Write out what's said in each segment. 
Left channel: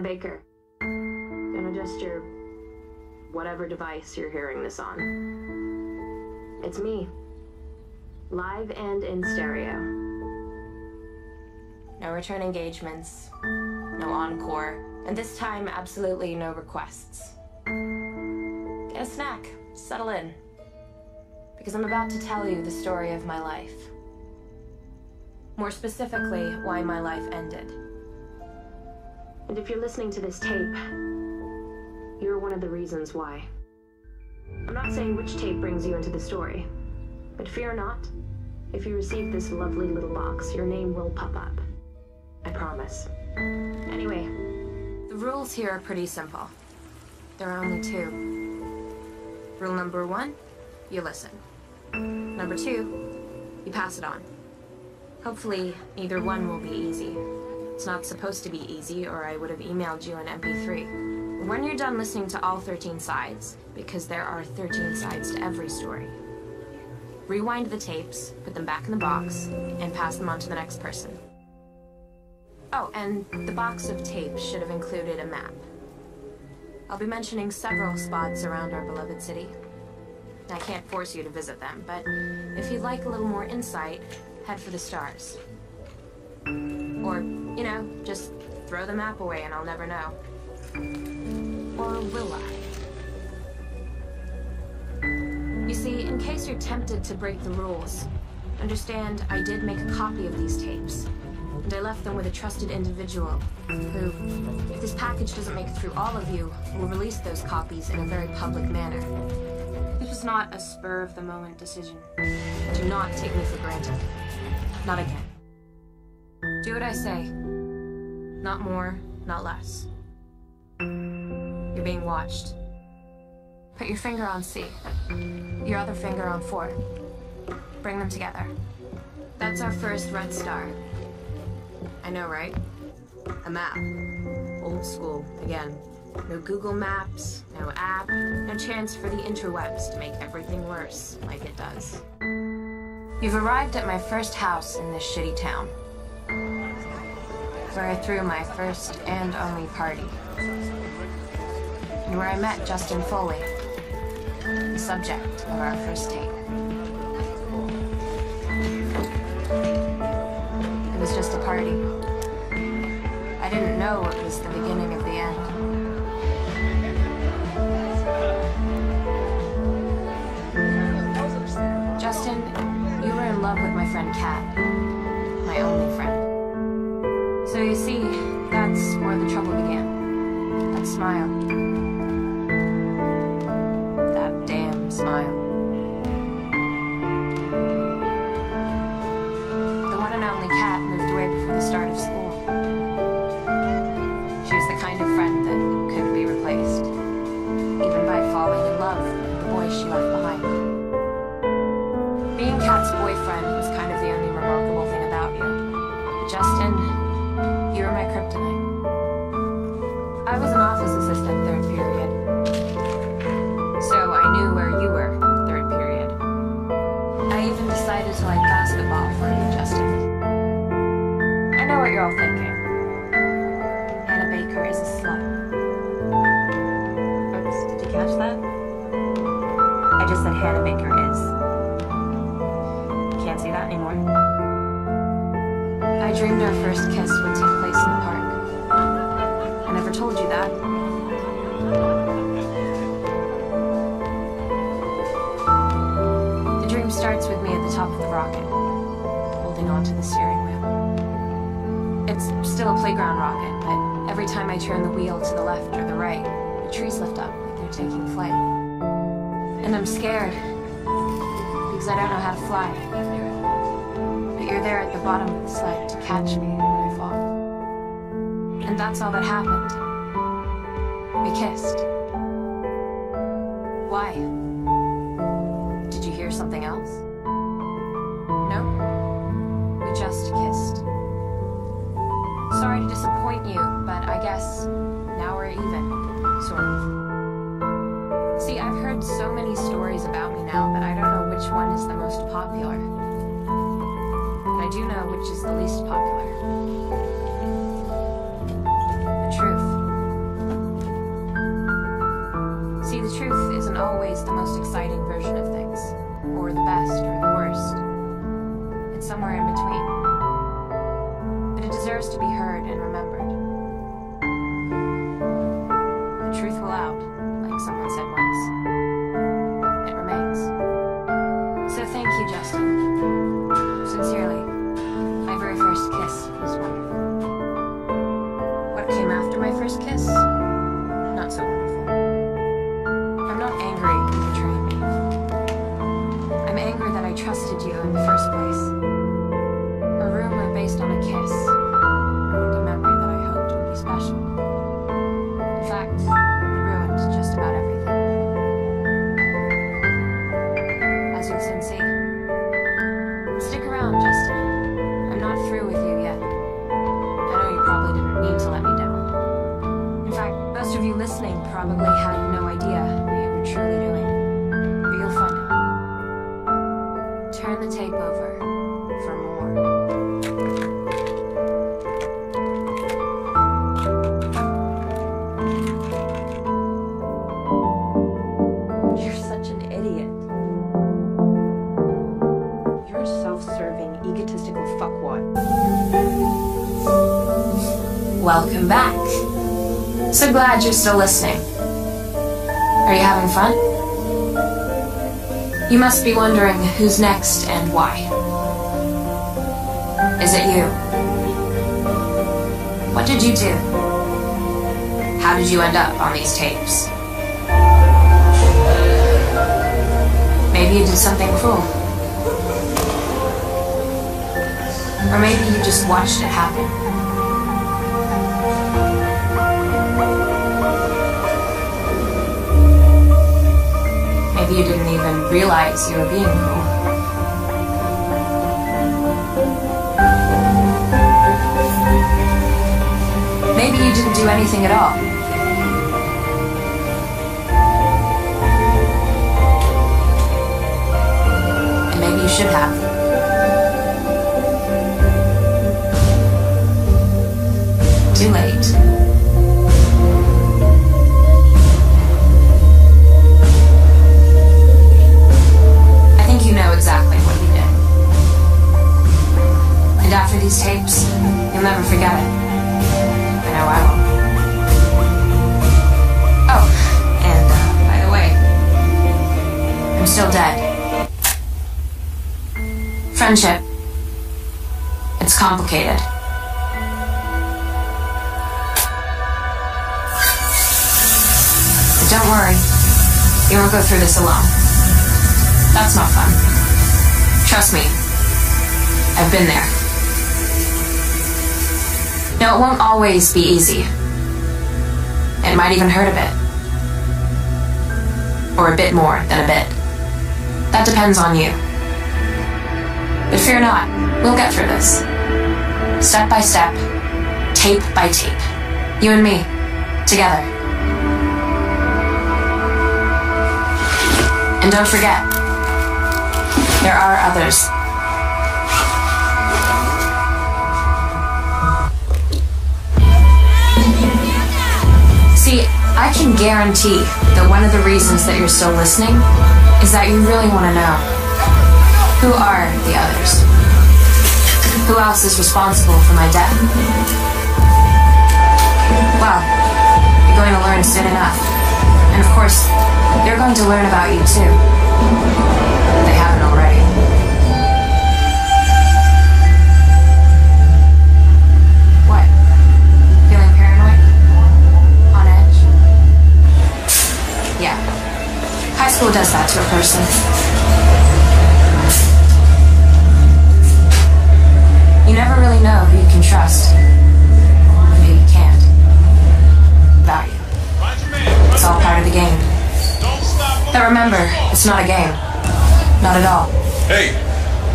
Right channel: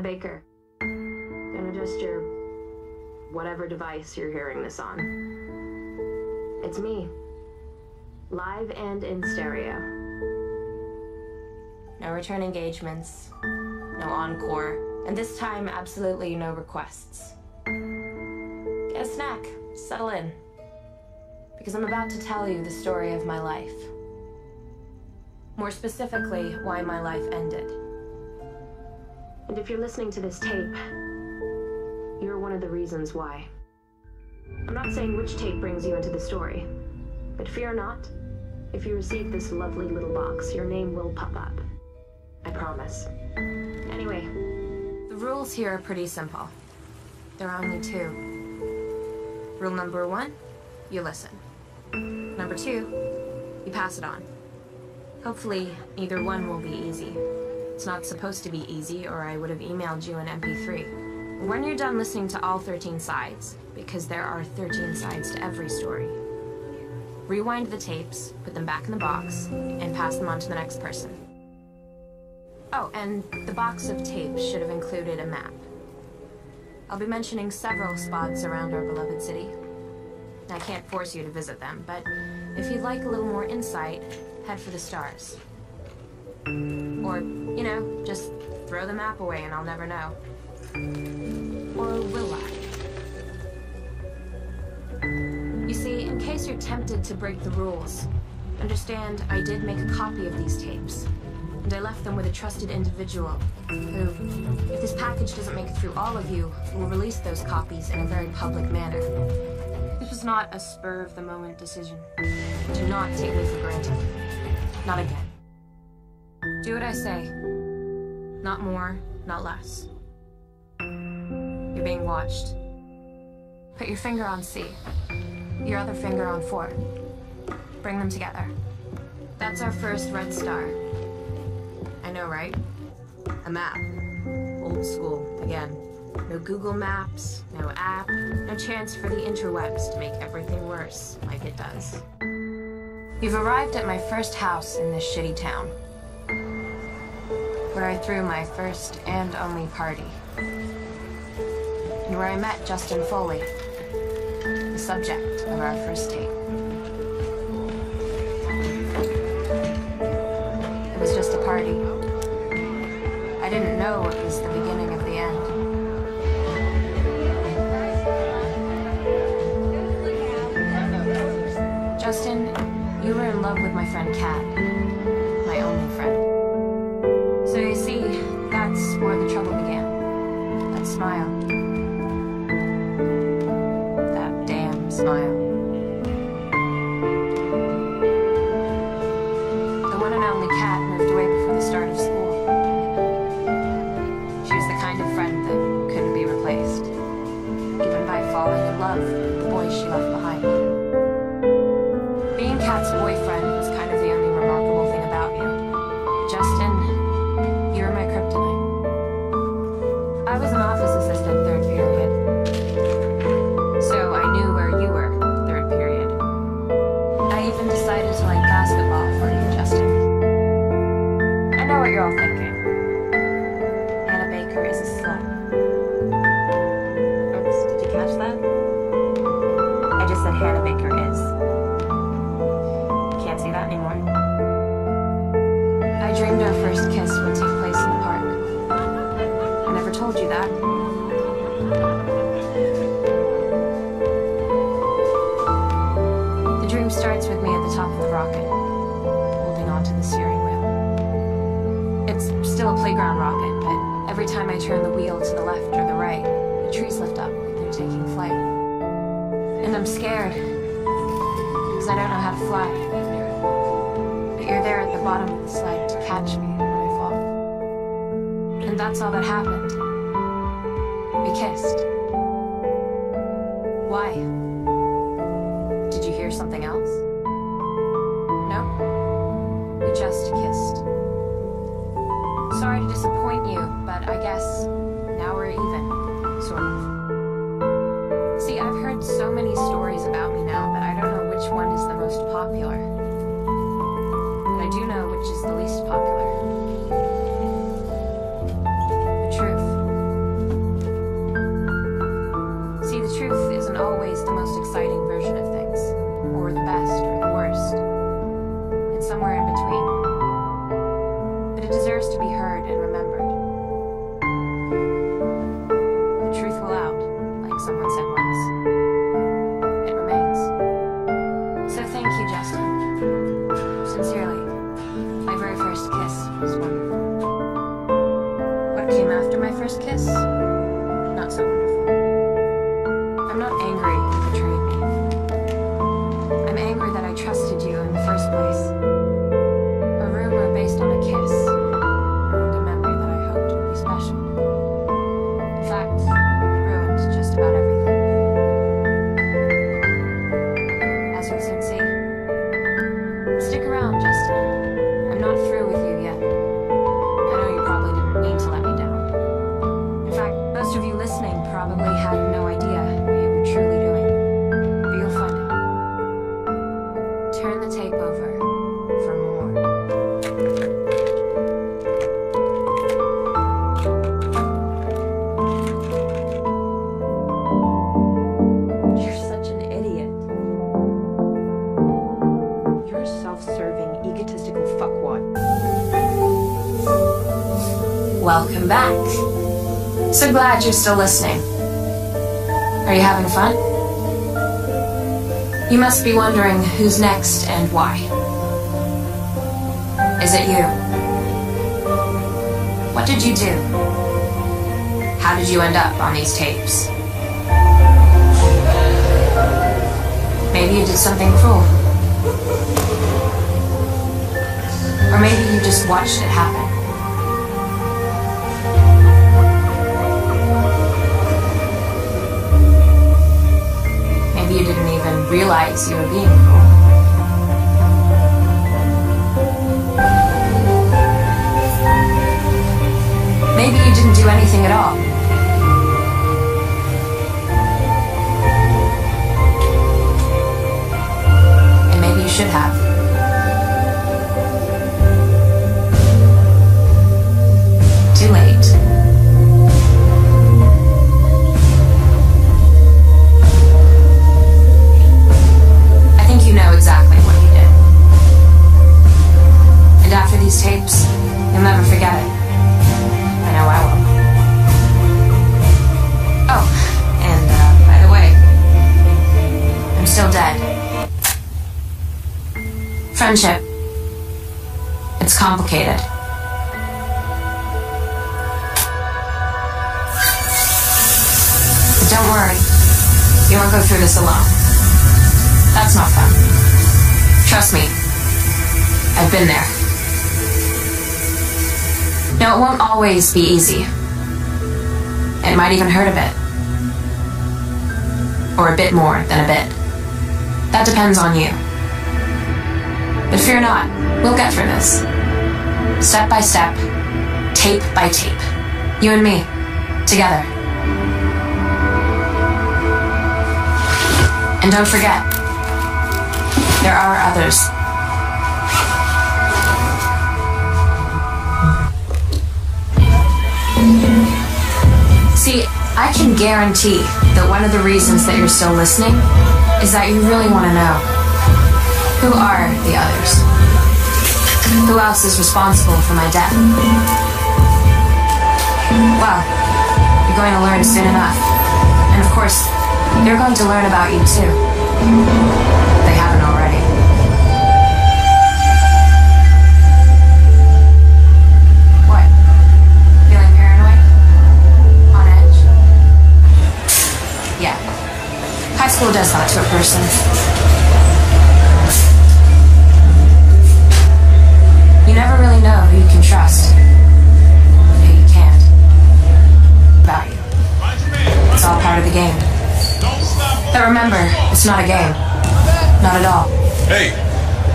Hannah Baker. Gonna adjust your whatever device you're hearing this on. It's me. Live and in stereo. No return engagements, no encore, and this time absolutely no requests. Get a snack, settle in, because I'm about to tell you the story of my life. More specifically, why my life ended. And if you're listening to this tape, you're one of the reasons why. I'm not saying which tape brings you into the story, but fear not. If you receive this lovely little box, your name will pop up. I promise. Anyway, the rules here are pretty simple. There are only two. Rule number 1, you listen. Number 2, you pass it on. Hopefully, neither one will be easy. It's not supposed to be easy, or I would have emailed you an MP3. When you're done listening to all 13 sides, because there are 13 sides to every story, rewind the tapes, put them back in the box, and pass them on to the next person. Oh, and the box of tapes should have included a map. I'll be mentioning several spots around our beloved city. I can't force you to visit them, but if you'd like a little more insight, head for the stars. Or, you know, just throw the map away and I'll never know. Or will I? You see, in case you're tempted to break the rules, understand I did make a copy of these tapes, and I left them with a trusted individual who, if this package doesn't make it through all of you, will release those copies in a very public manner. This was not a spur-of-the-moment decision. Do not take me for granted. Not again. Do what I say. Not more, not less. You're being watched. Put your finger on C. Your other finger on 4. Bring them together. That's our first red star. I know, right? A map. Old school, again. No Google Maps, no app, no chance for the interwebs to make everything worse, like it does. You've arrived at my first house in this shitty town, where I threw my first and only party, and where I met Justin Foley, the subject of our first tape. It was just a party. I didn't know it was the beginning of the end. Justin, you were in love with my friend Kat, my only friend. So you see, that's where the trouble began. That smile. That damn smile. The one and only Kat moved away before the start of school. She was the kind of friend that couldn't be replaced, even by falling in love with the boy she left behind. Being Kat's boyfriend was kind of the only remarkable thing about you. But Justin, you were my kryptonite. I was an office assistant third period, so I knew where you were third period. I even decided to like basketball for you, Justin. I know what you're all thinking. Hannah Baker is a slut. Oops, did you catch that? I just said Hannah Baker is. Can't say that anymore. I dreamed our first kiss would take place in the park. I never told you that. The dream starts with me at the top of the rocket, holding onto the steering wheel. It's still a playground rocket, but every time I turn the wheel to the left or the right, the trees lift up like they're taking flight. And I'm scared, because I don't know how to fly. But you're there at the bottom of the sled to catch me when I fall. And that's all that happened. We kissed. Why? Did you hear something else? No? We just kissed. Sorry to disappoint you, but I guess now we're even, sort of. See, I've heard so many stories about me now that I don't know which one is the most popular. But I do know which is the least popular. The truth. heard and remembered. The truth will out, like someone said once. It remains. So thank you, Justin. Sincerely, my very first kiss was wonderful. What came after my first kiss? Not so wonderful. I'm not angry you betrayed me. I'm angry that I trusted you in the first place. A rumor based on a kiss ruined a memory that I hoped would be special. In fact, it ruined just about everything. As you'll soon see. Stick around, Justin. I'm not through with you yet. I know you probably didn't mean to let me down. In fact, most of you listening probably had no idea what you were truly doing. But you'll find out. Turn the tape over for more. You're such an idiot. You're a self-serving, egotistical fuckwad. Welcome back. So glad you're still listening. Are you having fun? You must be wondering who's next and why. Is it you? What did you do? How did you end up on these tapes? Maybe you did something cruel. Or maybe you just watched it happen. Maybe you didn't even realize you were being cruel. Maybe you didn't do anything at all. And maybe you should have. Too late. I think you know exactly what you did. And after these tapes, you'll never forget it. I know I will. Oh, and by the way, I'm still dead. Friendship. It's complicated. Don't worry. You won't go through this alone. That's not fun. Trust me. I've been there. Now, it won't always be easy. It might even hurt a bit. Or a bit more than a bit. That depends on you. But fear not. We'll get through this. Step by step. Tape by tape. You and me. Together. And don't forget, there are others. See, I can guarantee that one of the reasons that you're still listening is that you really want to know, who are the others? Who else is responsible for my death? Well, you're going to learn soon enough. And of course, they're going to learn about you too. If they haven't already. What? Feeling paranoid? On edge? Yeah. High school does that to a person. You never really know who you can trust. And who you can't. About you. It's all part of the game. But remember, it's not a game. Not at all. Hey,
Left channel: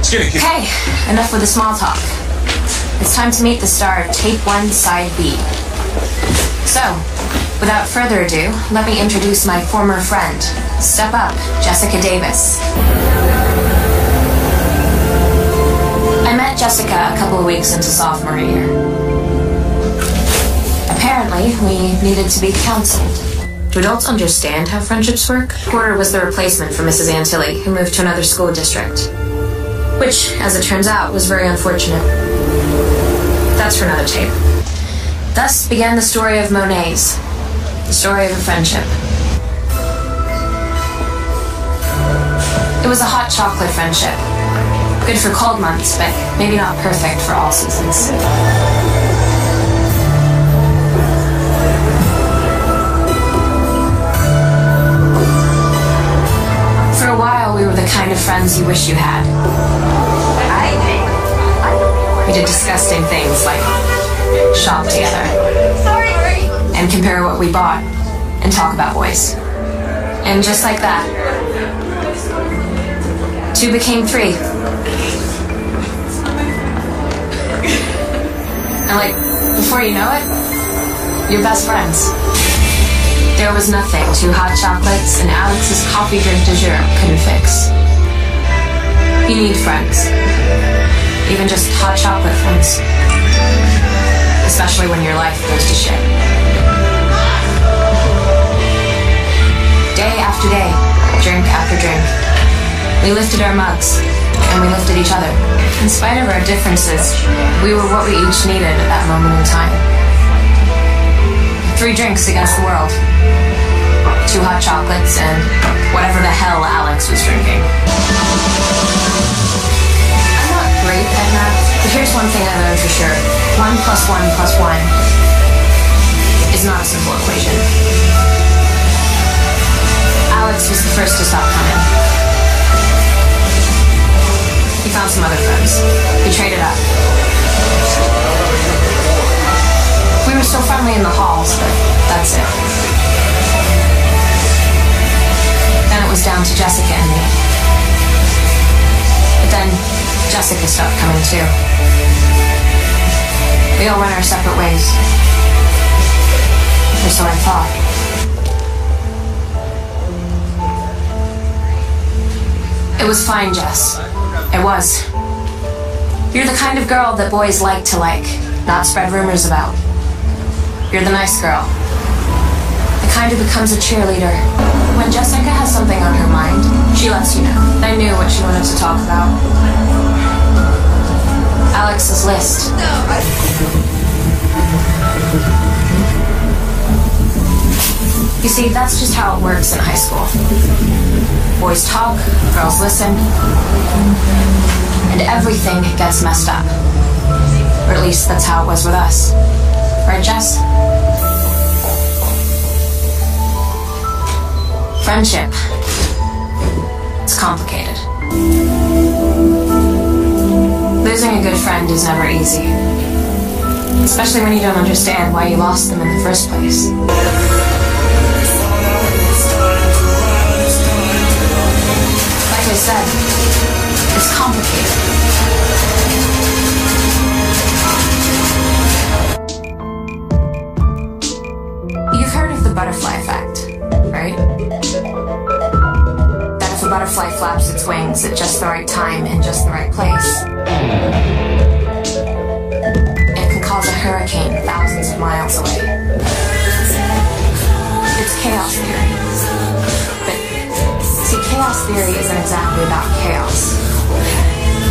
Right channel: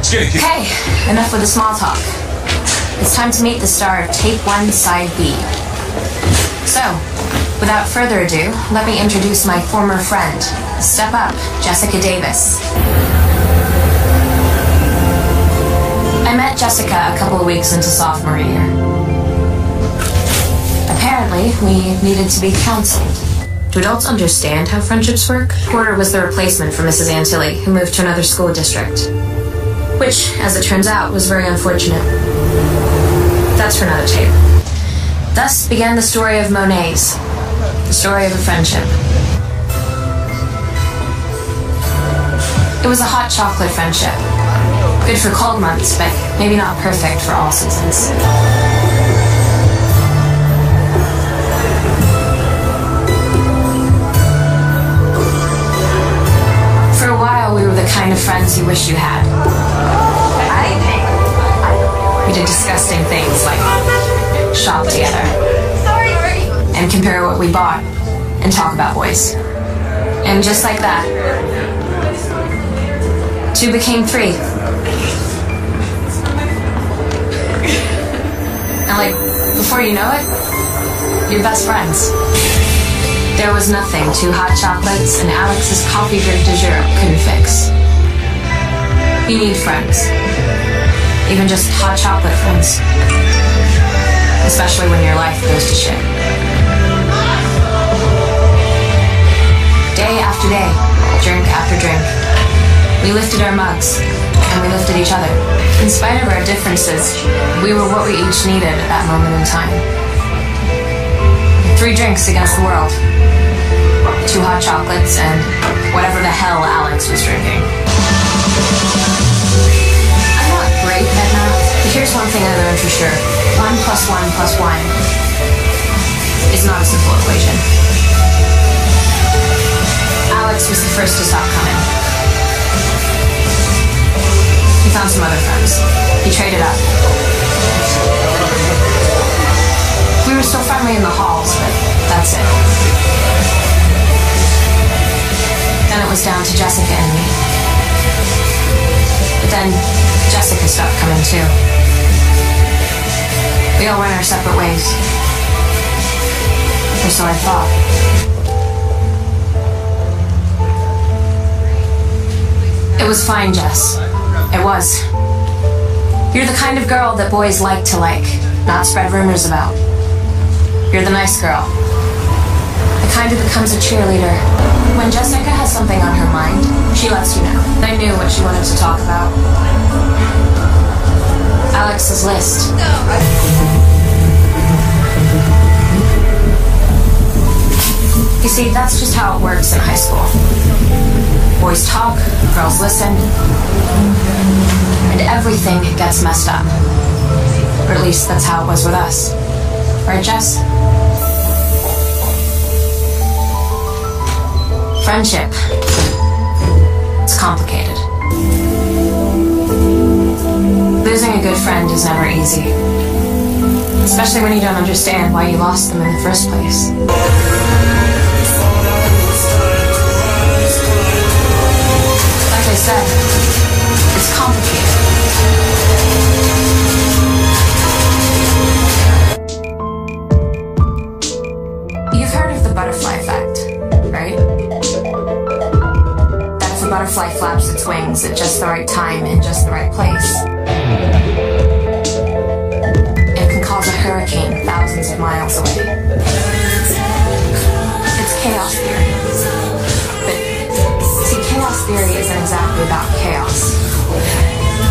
Skinny. Hey, enough with the small talk. It's time to meet the star of Tape 1, Side B. So, without further ado, let me introduce my former friend. Step up, Jessica Davis. I met Jessica a couple of weeks into sophomore year. Apparently, we needed to be counseled. Do adults understand how friendships work? Porter was the replacement for Mrs. Antilli, who moved to another school district. Which, as it turns out, was very unfortunate. That's for another tape. Thus began the story of Monet's, the story of a friendship. It was a hot chocolate friendship. Good for cold months, but maybe not perfect for all seasons. For a while, we were the kind of friends you wish you had. We did disgusting things like shop together and compare what we bought and talk about boys. And just like that, 2 became 3. And like, before you know it, you're best friends. There was nothing 2 hot chocolates and Alex's coffee drink du jour couldn't fix. You need friends. Even just hot chocolate friends. Especially when your life goes to shit. Day after day, drink after drink, we lifted our mugs, and we lifted each other. In spite of our differences, we were what we each needed at that moment in time. 3 drinks against the world. 2 hot chocolates, and whatever the hell Alex was drinking. Great at math, but here's one thing I know for sure. 1 + 1 + 1 is not a simple equation. Alex was the first to stop coming. He found some other friends. He traded up. We were still friendly in the halls, but that's it. Then it was down to Jessica and me. But then Jessica stopped coming too. We all went our separate ways. Or so I thought. It was fine, Jess. It was. You're the kind of girl that boys like to like, not spread rumors about. You're the nice girl. The kind who becomes a cheerleader. When Jessica has something on her mind, she lets you know. I knew what she wanted to talk about. Alex's list. You see, that's just how it works in high school. Boys talk, girls listen, and everything gets messed up. Or at least that's how it was with us. Right, Jess? Friendship. It's complicated. Losing a good friend is never easy. Especially when you don't understand why you lost them in the first place. Like I said, it's complicated. You've heard of the butterfly effect, right? That if a butterfly flaps its wings at just the right time in just the right place, it can cause a hurricane thousands of miles away. It's chaos theory. But, see, chaos theory isn't exactly about chaos.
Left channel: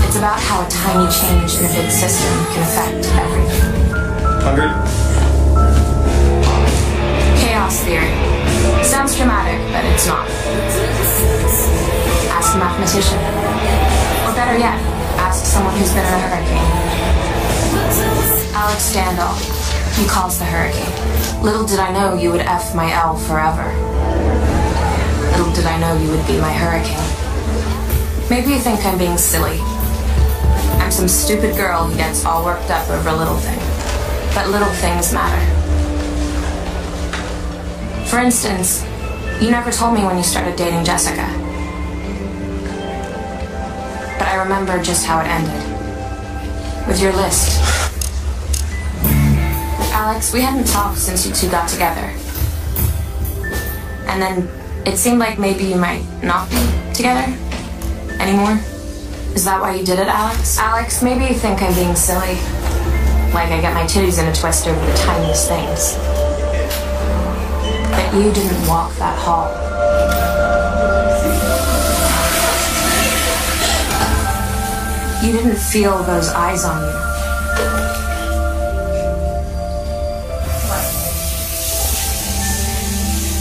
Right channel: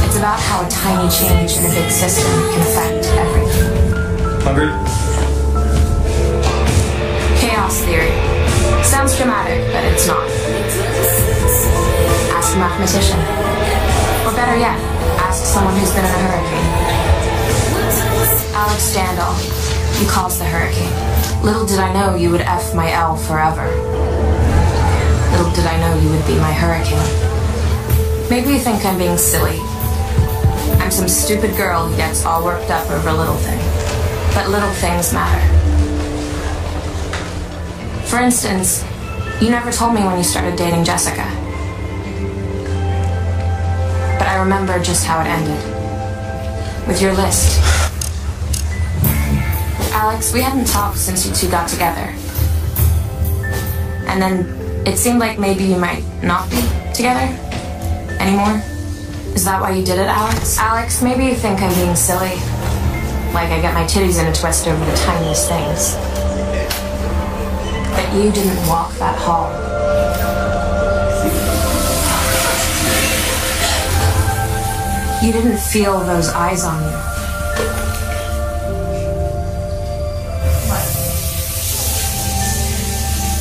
It's about how a tiny change in a big system can affect everything. Hungry? Chaos theory. Sounds dramatic, but it's not. Ask a mathematician. Or better yet, ask someone who's been in a hurricane. Alex Standall. He calls the hurricane. Little did I know you would F my L forever. Little did I know you would be my hurricane. Maybe you think I'm being silly. I'm some stupid girl who gets all worked up over a little thing. But little things matter. For instance, you never told me when you started dating Jessica. But I remember just how it ended. With your list. Alex, we hadn't talked since you 2 got together. And then it seemed like maybe you might not be together anymore. Is that why you did it, Alex? Alex, maybe you think I'm being silly. Like I get my titties in a twist over the tiniest things. But you didn't walk that hall. You didn't feel those eyes on you.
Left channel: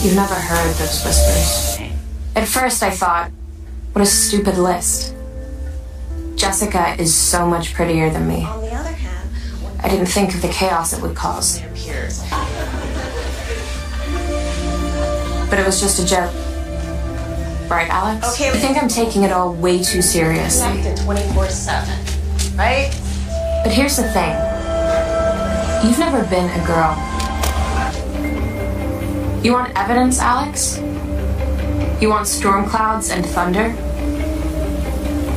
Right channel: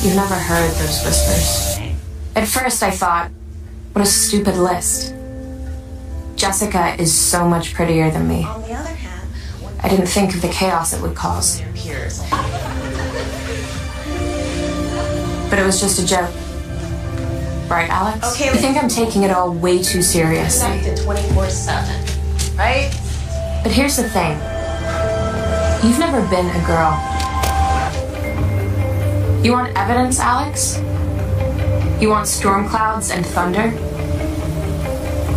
You've never heard those whispers. At first I thought, what a stupid list. Jessica is so much prettier than me. On the other hand, I didn't think of the chaos it would cause. But it was just a joke. Right, Alex? Okay. I think I'm taking it all way too seriously. connected 24/7, right? But here's the thing. You've never been a girl. You want evidence, Alex? You want storm clouds and thunder?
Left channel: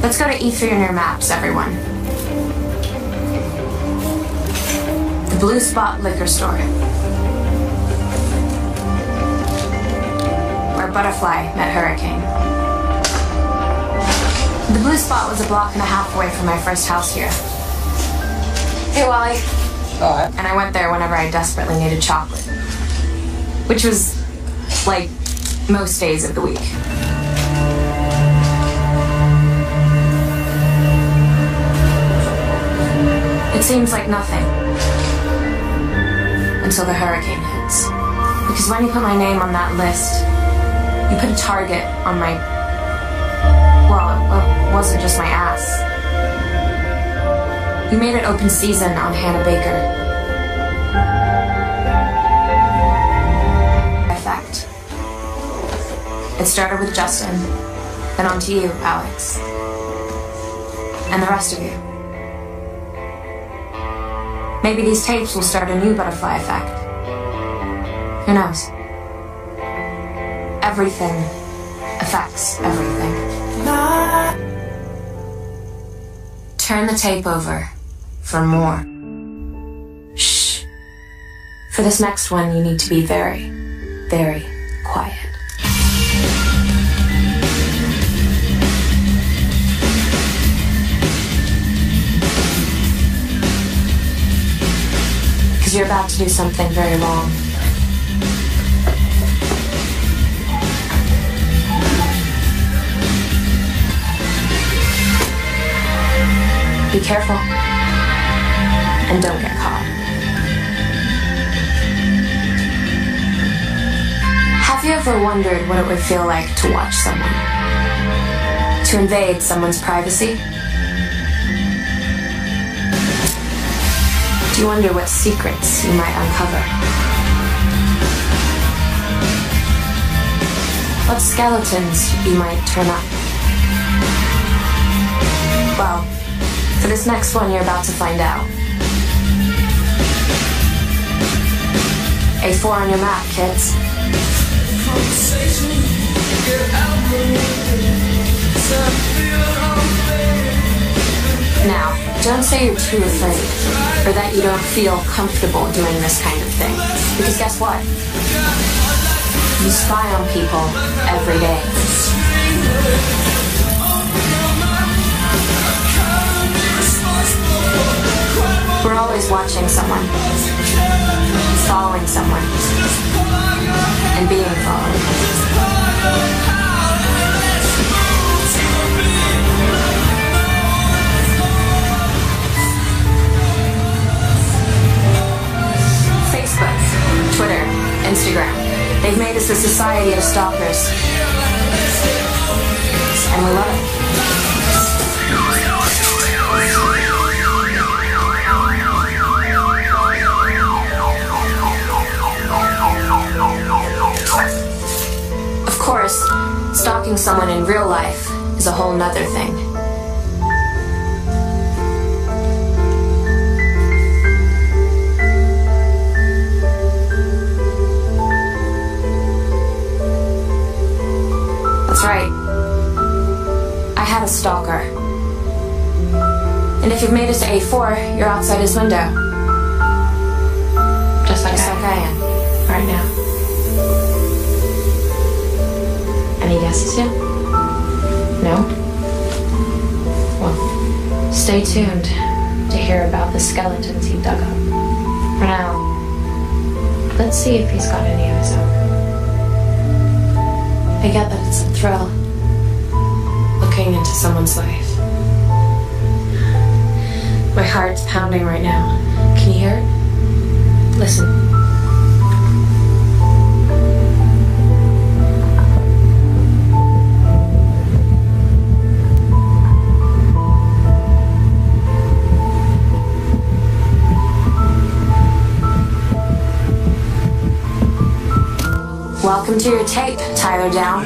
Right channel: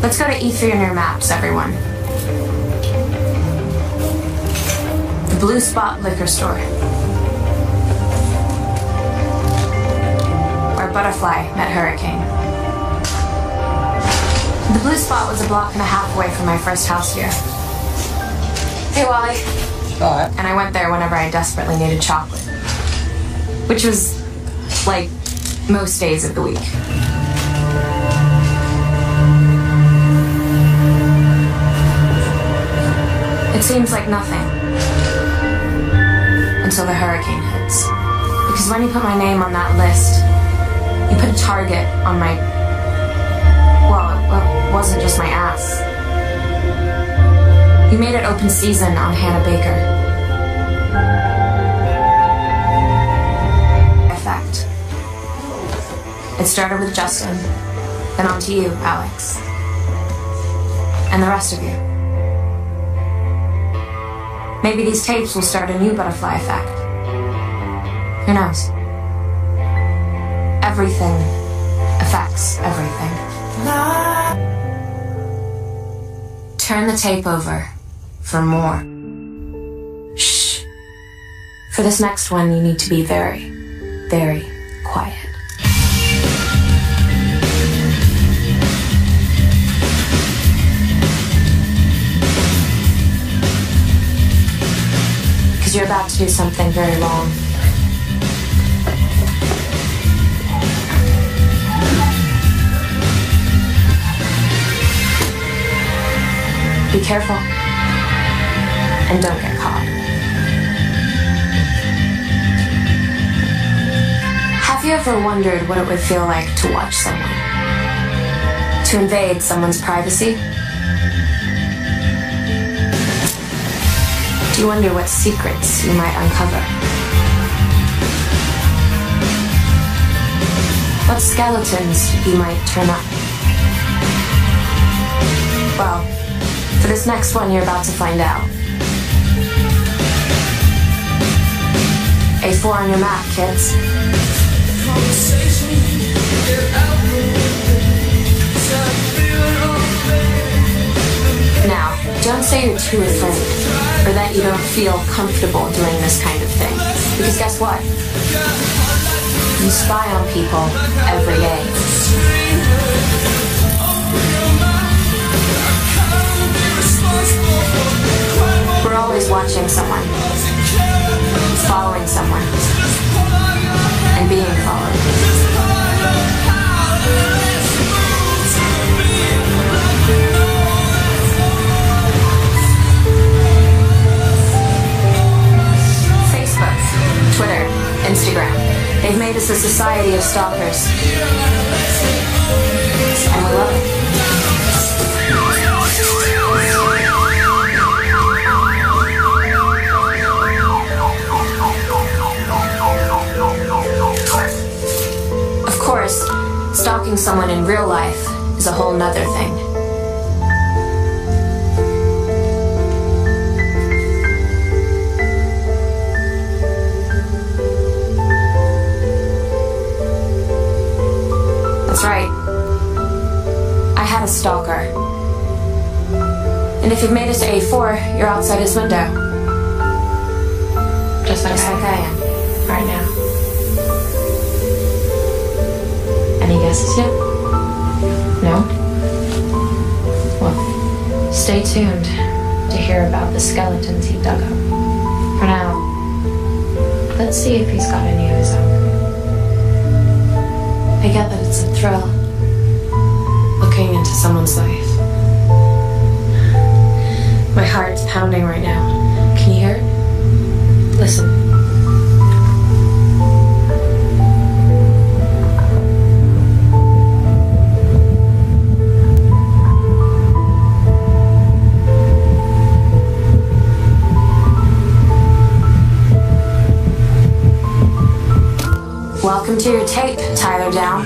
Let's go to E3 on your maps, everyone. The Blue Spot liquor store. Where Butterfly met Hurricane. The Blue Spot was a block and a half away from my first house here. Hey, Wally. Hi. And I went there whenever I desperately needed chocolate. Which was, like, most days of the week. It seems like nothing. Until the hurricane hits. Because when you put my name on that list, you put a target on my... Well, it wasn't just my ass. You made it open season on Hannah Baker. Effect. It started with Justin, then on to you, Alex. And the rest of you. Maybe these tapes will start a new butterfly effect. Who knows? Everything affects everything. Turn the tape over for more. Shh. For this next one, you need to be very, very quiet. Because you're about to do something very wrong. Be careful. And don't get caught. Have you ever wondered what it would feel like to watch someone? To invade someone's privacy? Do you wonder what secrets you might uncover? What skeletons you might turn up? Well, for this next one, you're about to find out. A4 on your map, kids. Now, don't say you're too afraid, or that you don't feel comfortable doing this kind of thing. Because guess what? You spy on people every day. We're always watching someone, following someone, and being followed. Facebook, Twitter, Instagram, they've made us a society of stalkers. And we love it. Stalking someone in real life is a whole nother thing. That's right. I had a stalker. And if you've made it to A4, you're outside his window. Just like I am, right now. Any guesses yet? No? Well, stay tuned to hear about the skeletons he dug up. For now, let's see if he's got any of his own. I get that it's a thrill, looking into someone's life. My heart's pounding right now. Can you hear it? Listen. to your tape, Tyler Down.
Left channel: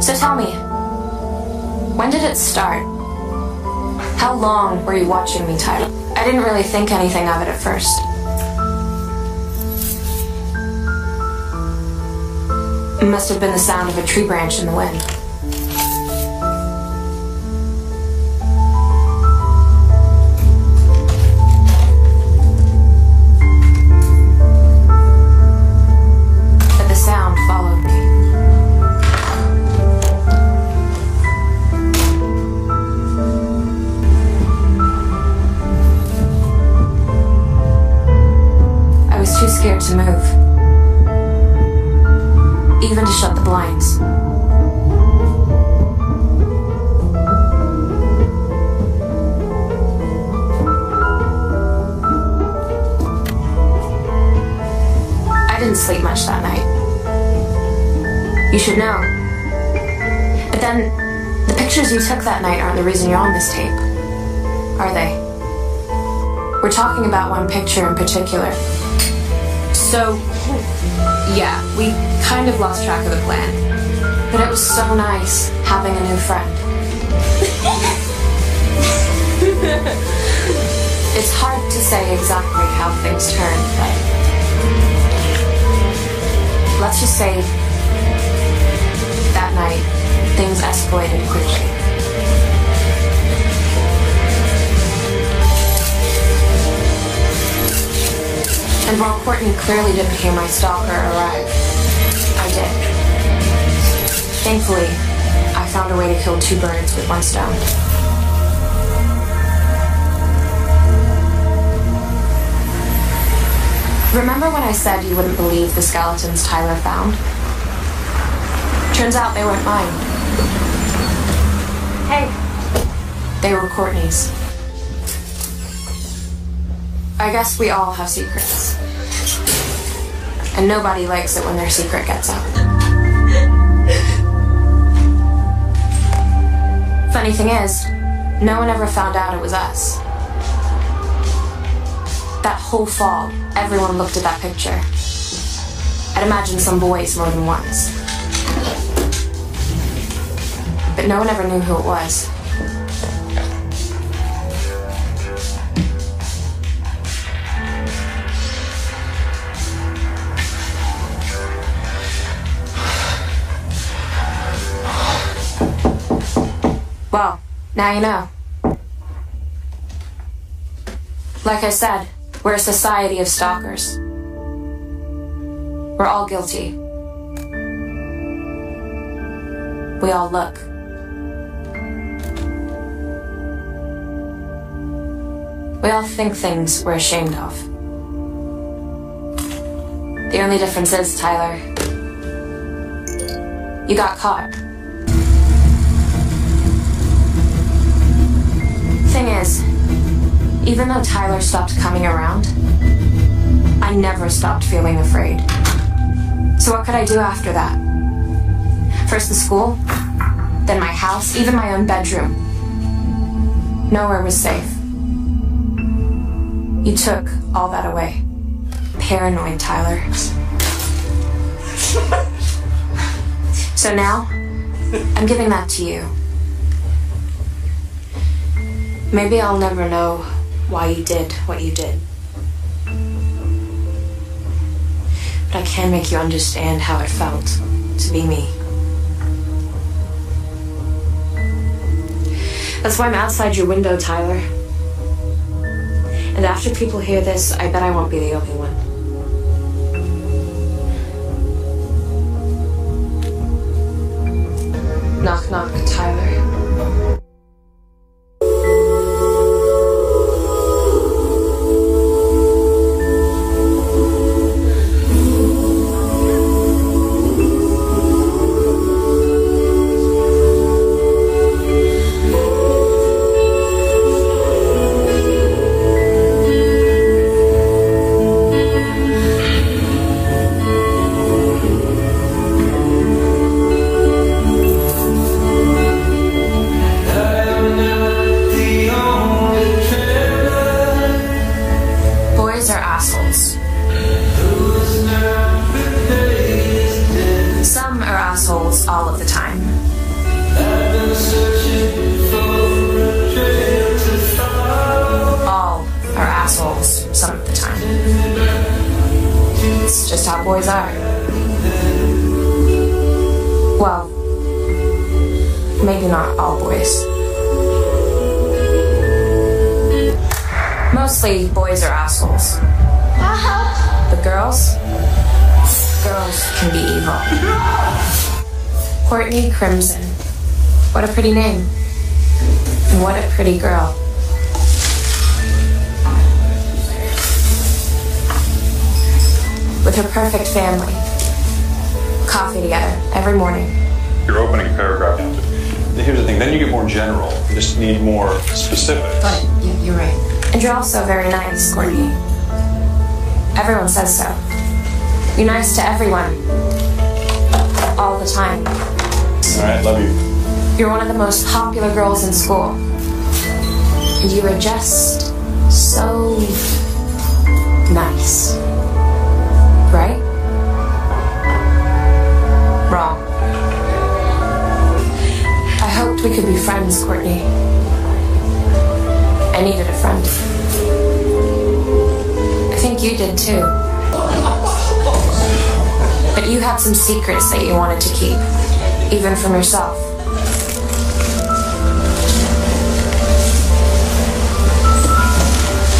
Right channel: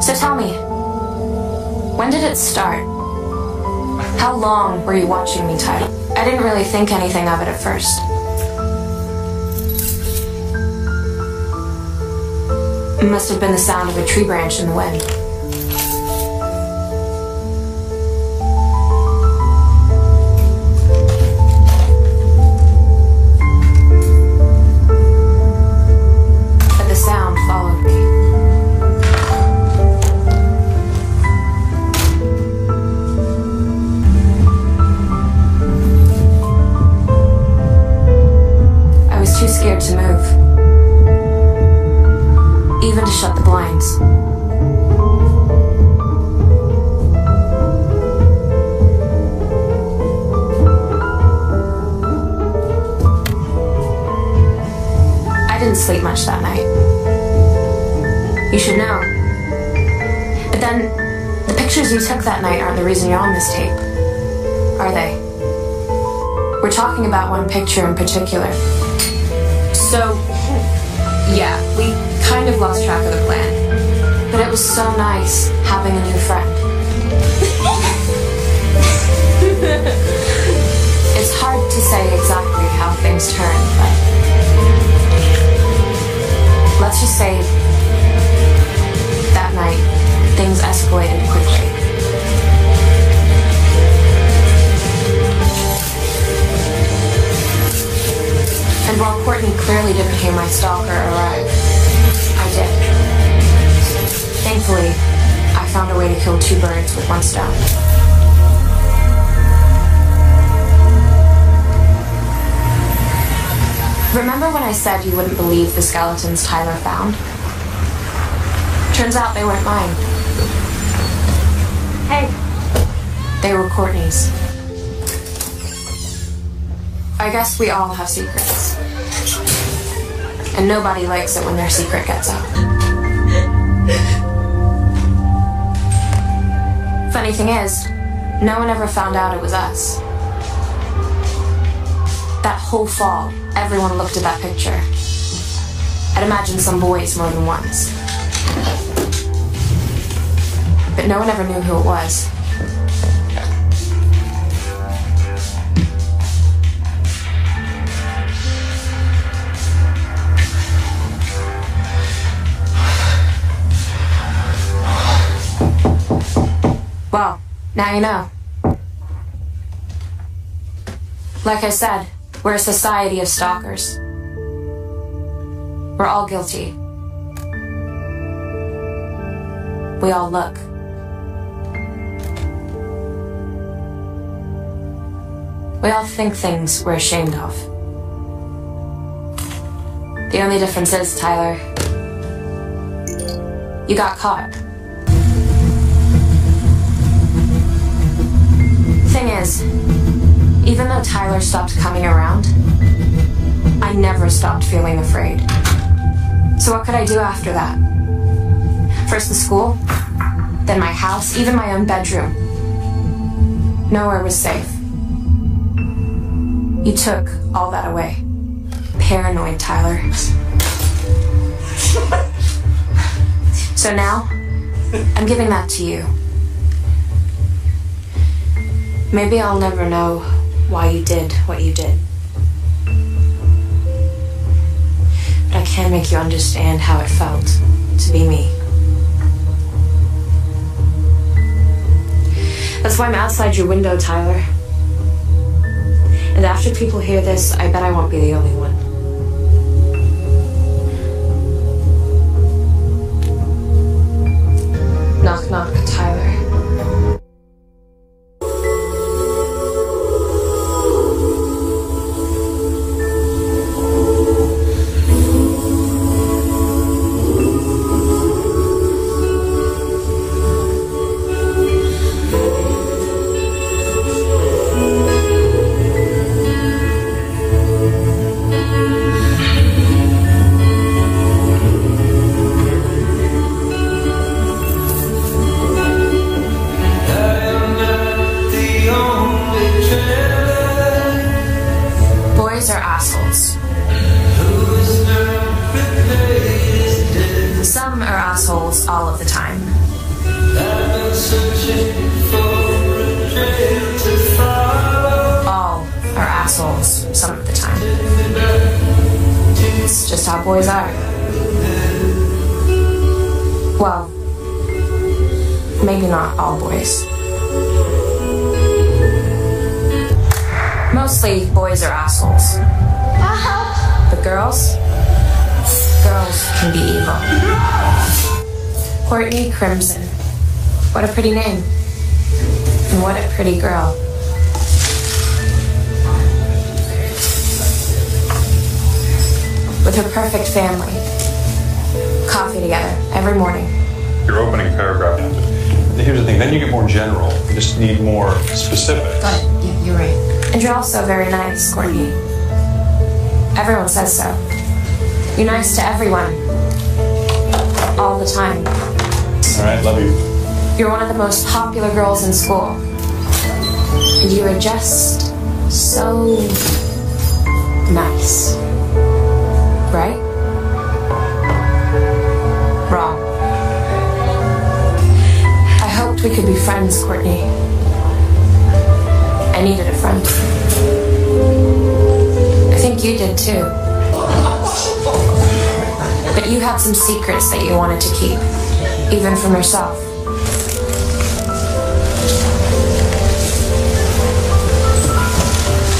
So tell me, when did it start? How long were you watching me, Tyler? I didn't really think anything of it at first. It must have been the sound of a tree branch in the wind. But the sound followed me. I was too scared to move. Even to shut the blinds. I didn't sleep much that night. You should know. But then, the pictures you took that night aren't the reason you're on this tape, are they? We're talking about one picture in particular. So, yeah, we kind of lost track of the plan. But it was so nice having a new friend. It's hard to say exactly how things turned, but let's just say that night things escalated quickly. And while Courtney clearly didn't hear my stalker arrive, I did. Thankfully, I found a way to kill two birds with one stone. Remember when I said you wouldn't believe the skeletons Tyler found? Turns out they weren't mine. Hey. They were Courtney's. I guess we all have secrets. And nobody likes it when their secret gets out. Funny thing is, no one ever found out it was us. That whole fall, everyone looked at that picture. I'd imagine some boys more than once. But no one ever knew who it was. Well, now you know. Like I said, we're a society of stalkers. We're all guilty. We all look. We all think things we're ashamed of. The only difference is, Tyler, you got caught. Thing is, even though Tyler stopped coming around, I never stopped feeling afraid. So what could I do after that? First the school, then my house, even my own bedroom. Nowhere was safe. You took all that away. Paranoid, Tyler. So now, I'm giving that to you. Maybe I'll never know why you did what you did. But I can make you understand how it felt to be me. That's why I'm outside your window, Tyler. And after people hear this, I bet I won't be the only one. Knock, knock, Tyler. Boys are assholes. assholes all of the time. All are assholes some of the time. It's just how boys are. Well, maybe not all boys. Mostly boys are assholes. But girls can be evil. Courtney Crimson. What a pretty name. And what a pretty girl. With her perfect family. Coffee together every morning. Your opening paragraph. Here's the thing, then you get more general. You just need more specifics. Got it. Yeah, you're right. And you're also very nice, Courtney. Everyone says so. You're nice to everyone. All the time. All right, love you. You're one of the most popular girls in school. And you are just so nice. Right? Wrong. I hoped we could be friends, Courtney. I needed a friend. I think you did too. But you had some secrets that you wanted to keep, even from yourself.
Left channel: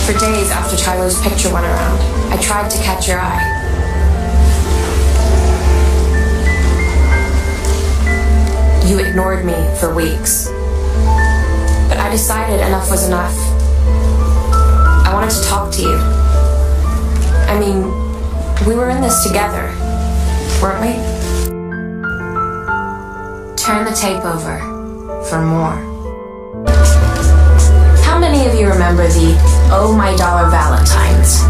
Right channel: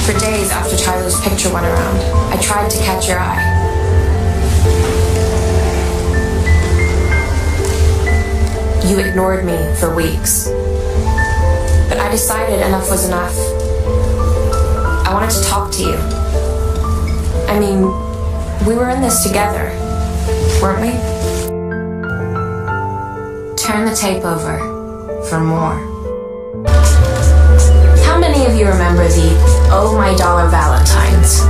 For days after Tyler's picture went around, I tried to catch your eye. You ignored me for weeks. But I decided enough was enough. I wanted to talk to you. I mean, we were in this together, weren't we? Turn the tape over for more. How many of you remember the Oh My Dollar Valentines?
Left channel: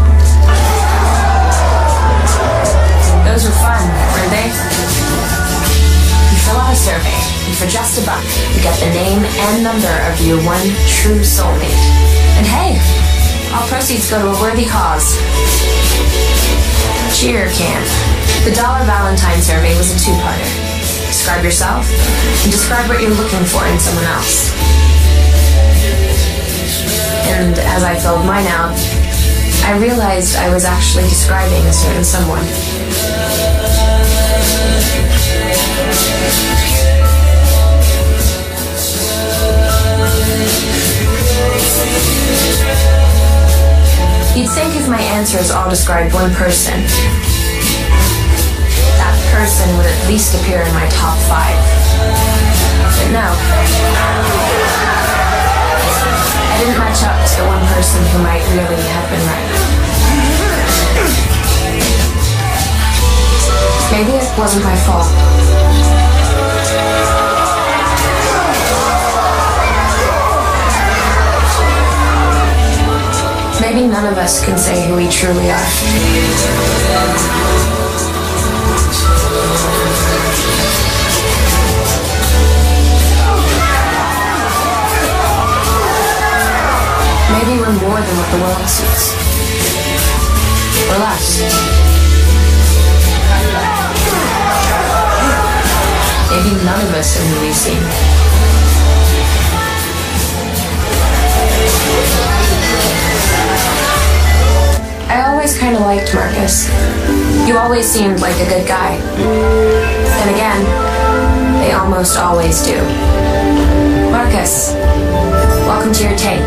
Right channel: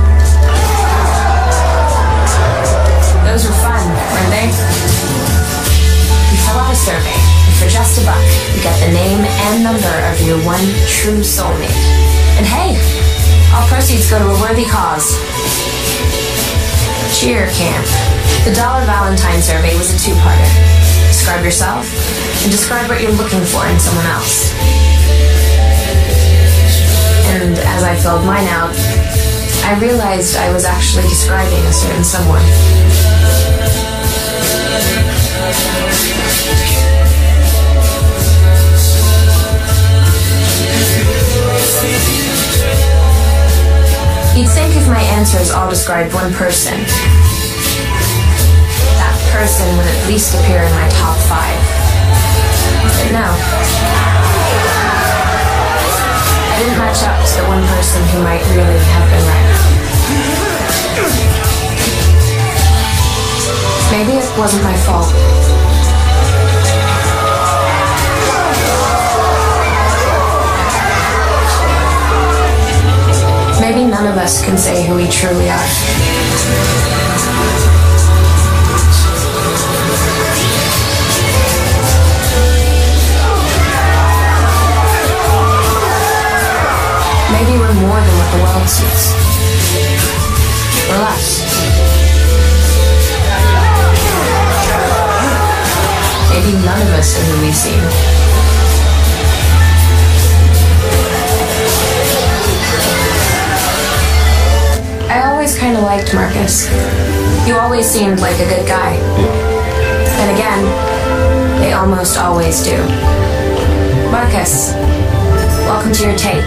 Those were fun, weren't they? You fill out a survey, and for just $1, you get the name and number of your one true soulmate. And hey, all proceeds go to a worthy cause. Cheer camp. The Dollar Valentine survey was a two-parter. Describe yourself, and describe what you're looking for in someone else. And as I filled mine out, I realized I was actually describing a certain someone. You'd think if my answers all described one person, that person would at least appear in my top 5. But no. I didn't match up to the one person who might really have been right. Maybe it wasn't my fault. Maybe none of us can say who we truly are. Maybe we're more than what the world sees. Or less. Maybe none of us are who we seem. I always kind of liked Marcus. You always seemed like a good guy. And again, they almost always do. Marcus, welcome to your tape.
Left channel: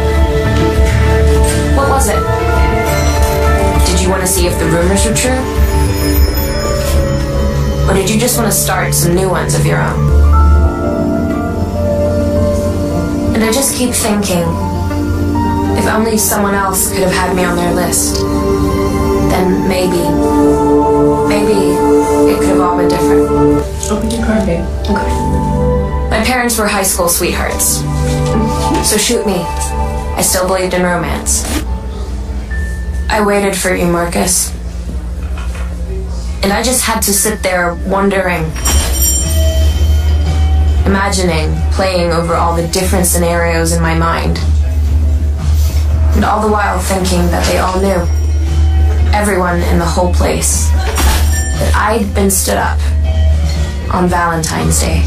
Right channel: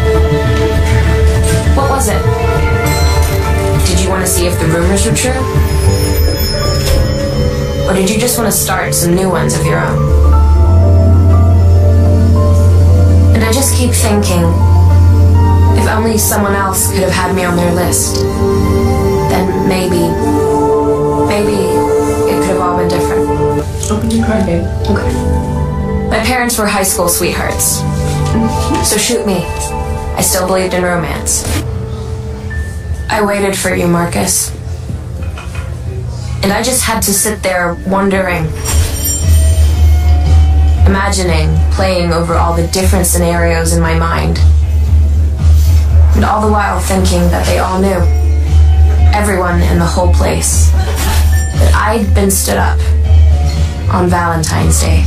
What was it? Did you want to see if the rumors were true? Or did you just want to start some new ones of your own? And I just keep thinking, if only someone else could have had me on their list, then maybe it could have all been different. Okay. My parents were high school sweethearts. So shoot me. I still believed in romance. I waited for you, Marcus. And I just had to sit there wondering, imagining, playing over all the different scenarios in my mind. And all the while thinking that they all knew, everyone in the whole place, that I'd been stood up on Valentine's Day.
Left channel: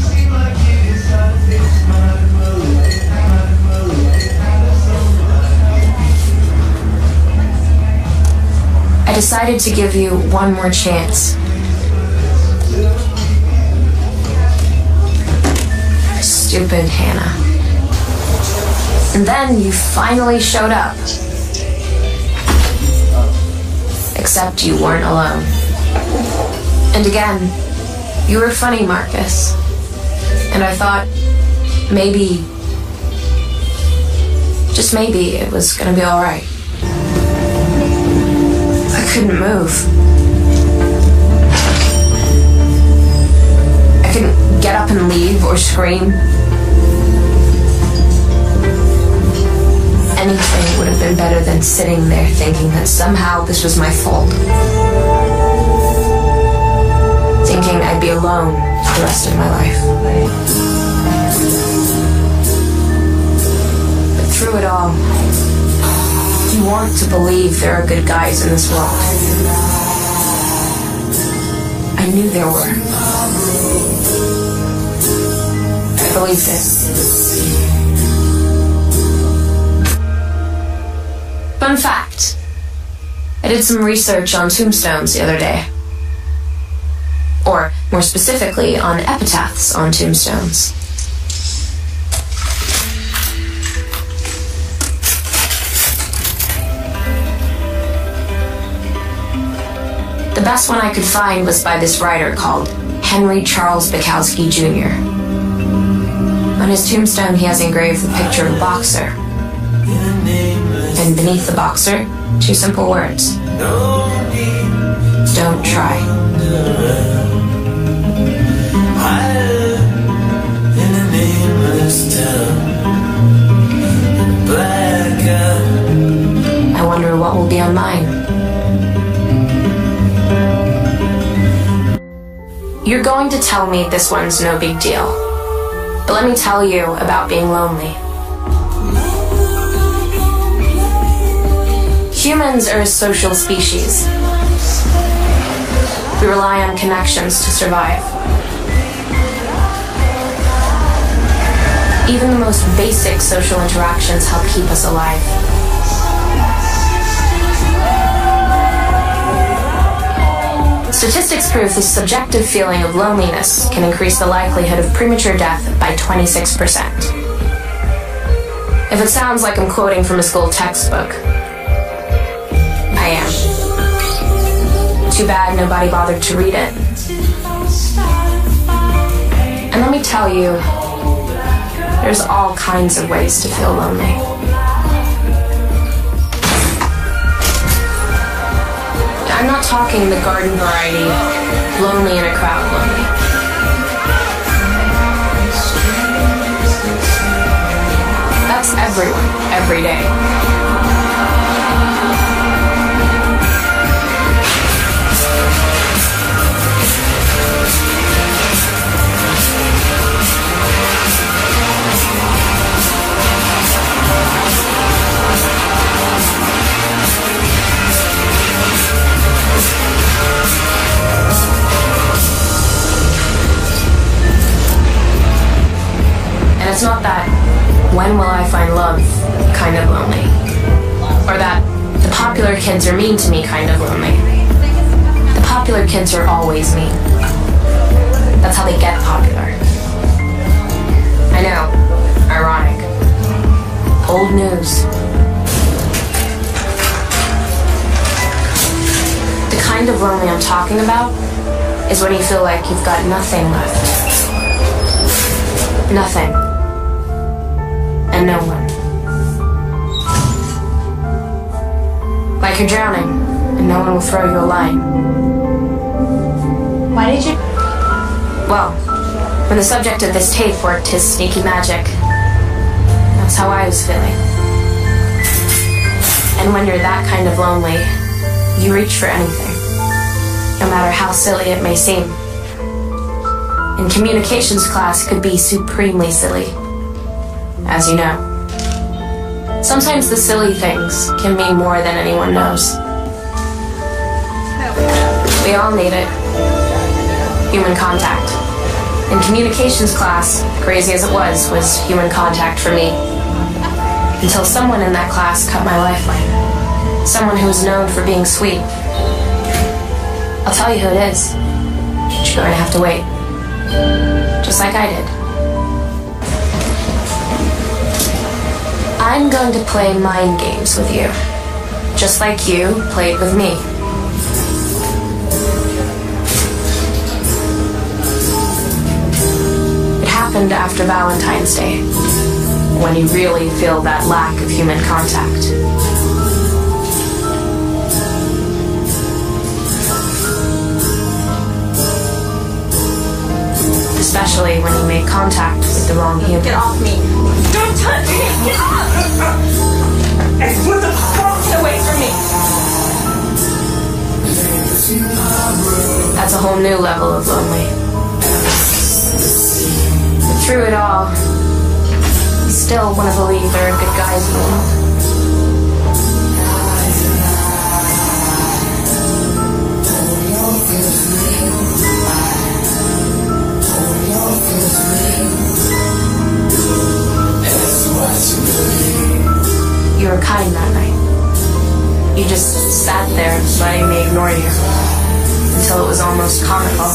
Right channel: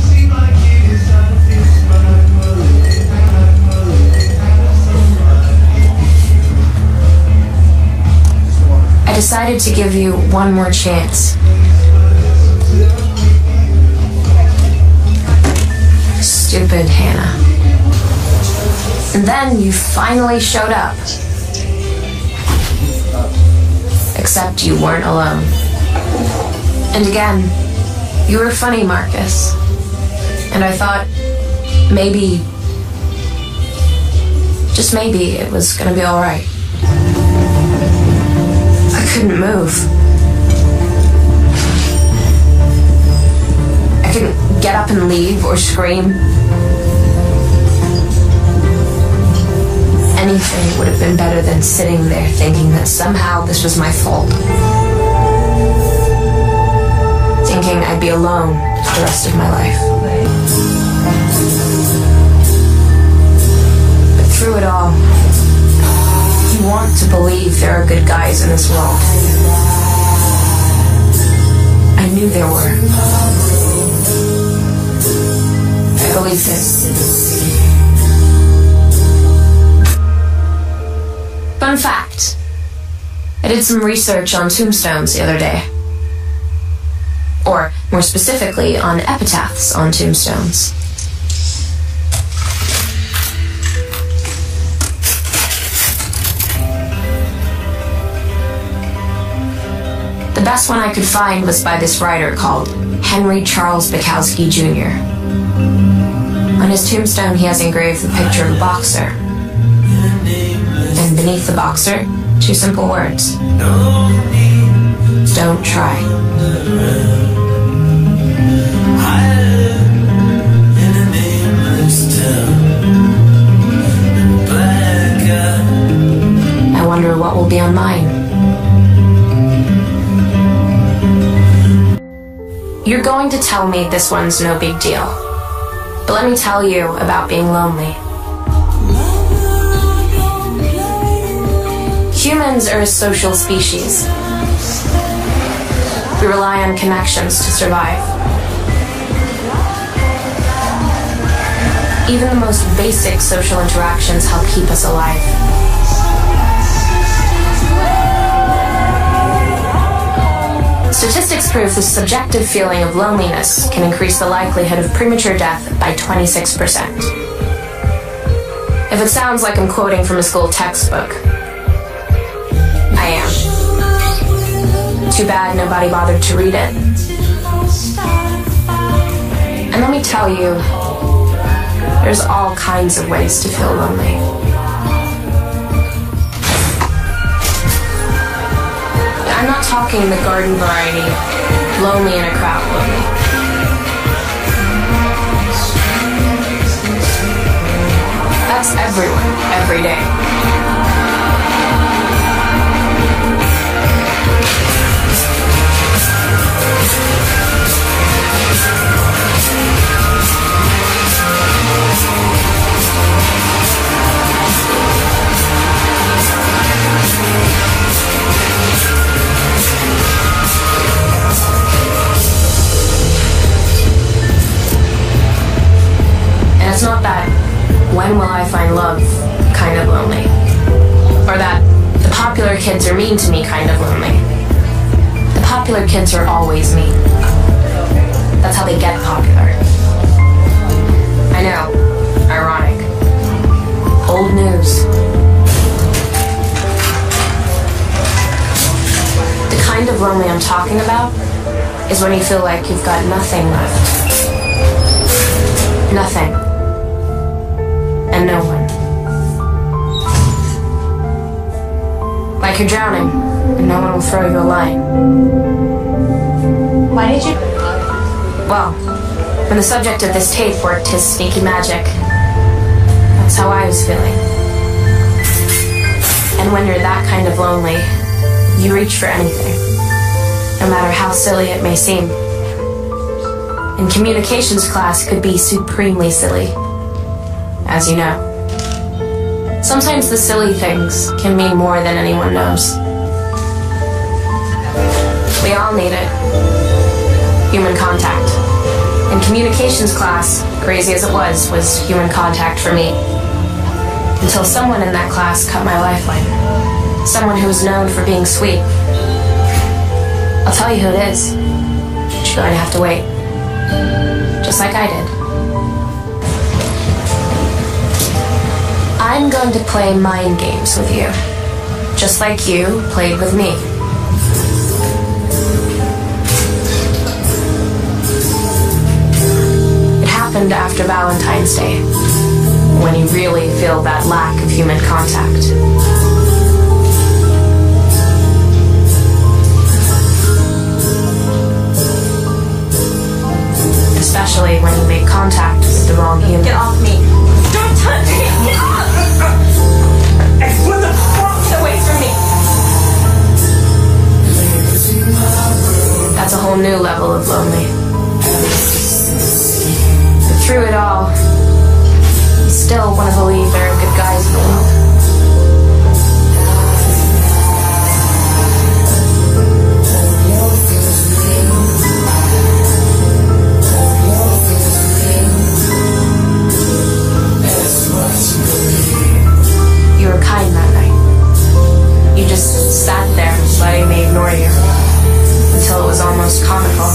I decided to give you one more chance. Stupid Hannah. And then you finally showed up. Except you weren't alone. And again, you were funny, Marcus. And I thought, maybe, just maybe, it was gonna be alright. I couldn't move. I couldn't get up and leave or scream. Anything would have been better than sitting there thinking that somehow this was my fault. Thinking I'd be alone for the rest of my life. But through it all, you want to believe there are good guys in this world. I knew there were. I believed it. Fun fact, I did some research on tombstones the other day. Or, more specifically, on epitaphs on tombstones. The best one I could find was by this writer called Henry Charles Bukowski Jr. On his tombstone, he has engraved the picture of a boxer. And beneath the boxer, 2 simple words. Don't try. I wonder what will be on mine. You're going to tell me this one's no big deal. But let me tell you about being lonely. Humans are a social species. We rely on connections to survive. Even the most basic social interactions help keep us alive. Statistics prove the subjective feeling of loneliness can increase the likelihood of premature death by 26%. If it sounds like I'm quoting from a school textbook, I am. Too bad nobody bothered to read it. And let me tell you, there's all kinds of ways to feel lonely. I'm not talking the garden variety, lonely in a crowd lonely. That's everyone, every day. And it's not that when will I find love kind of lonely, or that the popular kids are mean to me kind of lonely. The popular kids are always mean. That's how they get popular. I know, ironic. Old news. The kind of lonely I'm talking about is when you feel like you've got nothing left. Nothing. And no one. Like you're drowning, and no one will throw you a line. Why did you... Well, when the subject of this tape worked his sneaky magic, that's how I was feeling. And when you're that kind of lonely, you reach for anything, no matter how silly it may seem. And communications class could be supremely silly, as you know. Sometimes the silly things can mean more than anyone knows. We all need it. Human contact. In communications class, crazy as it was human contact for me. Until someone in that class cut my lifeline. Someone who was known for being sweet. I'll tell you who it is. But you're going to have to wait. Just like I did. I'm going to play mind games with you. Just like you played with me. It happened after Valentine's Day, when you really feel that lack of human contact. Especially when you make contact with the wrong human. Get off me! Don't touch me! Get off! Hey, what the fuck? Away from me! That's a whole new level of lonely. But through it all, I still want to believe there are good guys in the world. You were kind that night. You just sat there letting me ignore you until it was almost comical.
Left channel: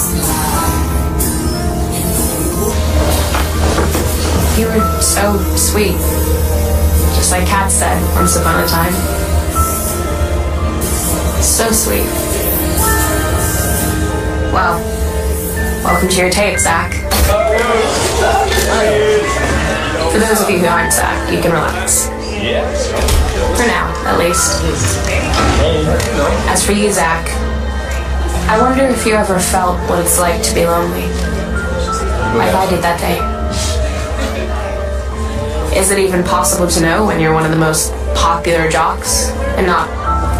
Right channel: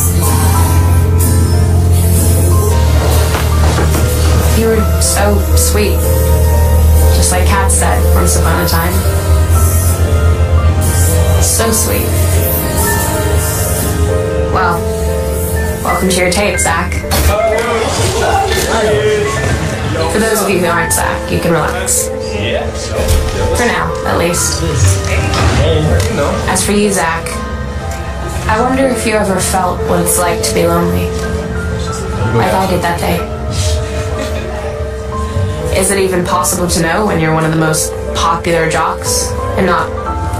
You were so sweet, just like Kat said once upon a time. So sweet. Well, welcome to your tape, Zach. For those of you who aren't Zach, you can relax. For now, at least. As for you, Zach, I wonder if you ever felt what it's like to be lonely. Like I did that day. Is it even possible to know when you're one of the most popular jocks and not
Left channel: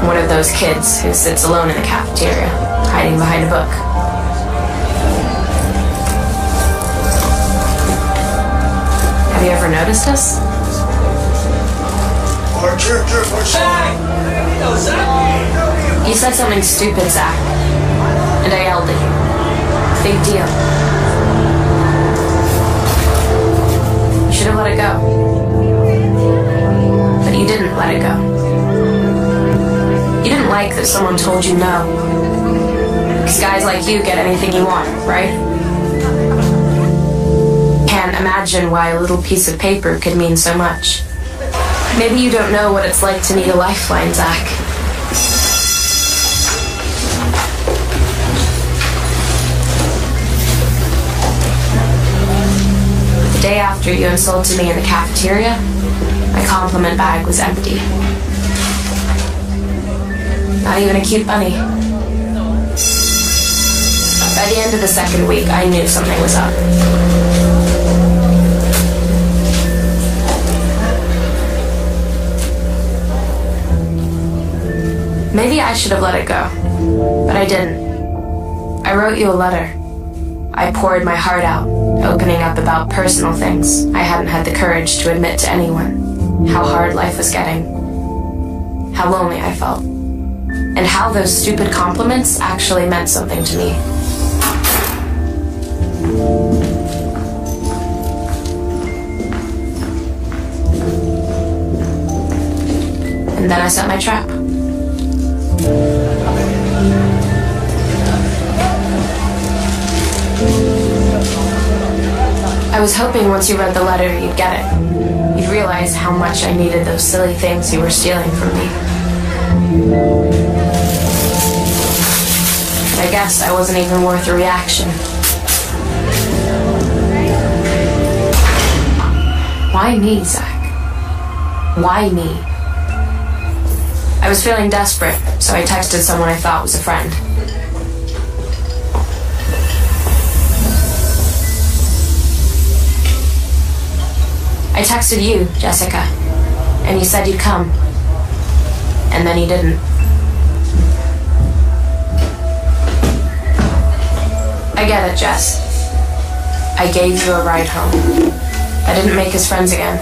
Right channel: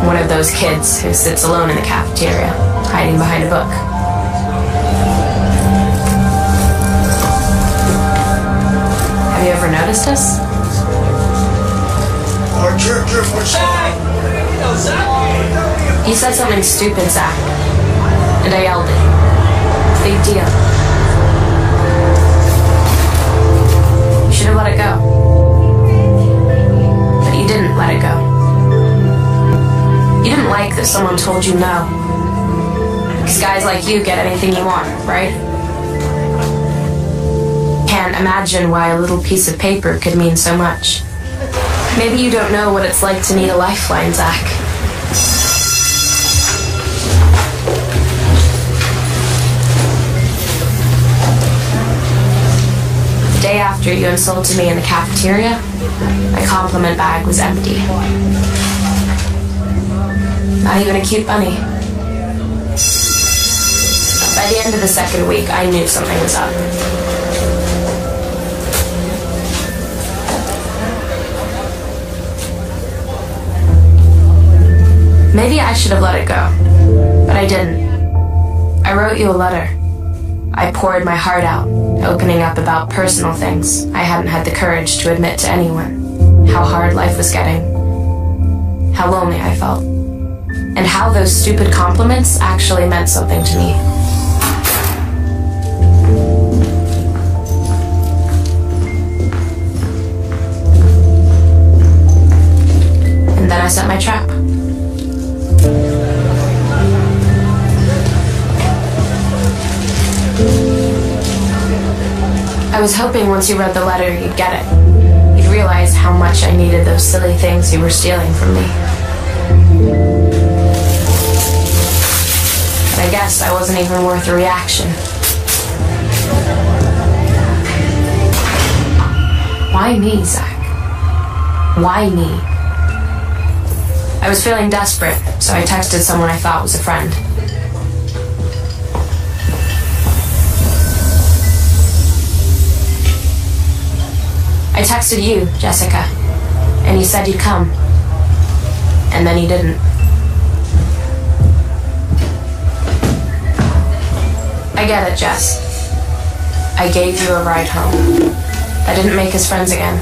one of those kids who sits alone in the cafeteria, hiding behind a book? Have you ever noticed us? You said something stupid, Zach, and I yelled it. Big deal. You should have let it go. But you didn't let it go. You didn't like that someone told you no. Because guys like you get anything you want, right? Can't imagine why a little piece of paper could mean so much. Maybe you don't know what it's like to need a lifeline, Zach. The day after you insulted me in the cafeteria, my compliment bag was empty. Not even a cute bunny. By the end of the second week, I knew something was up. Maybe I should have let it go, but I didn't. I wrote you a letter. I poured my heart out, opening up about personal things I hadn't had the courage to admit to anyone. How hard life was getting. How lonely I felt. And how those stupid compliments actually meant something to me. And then I set my trap. I was hoping once you read the letter, you'd get it. You'd realize how much I needed those silly things you were stealing from me. But I guess I wasn't even worth a reaction. Why me, Zach? Why me? I was feeling desperate, so I texted someone I thought was a friend. I texted you, Jessica, and you said you'd come. And then you didn't. I get it, Jess. I gave you a ride home. I didn't make us friends again.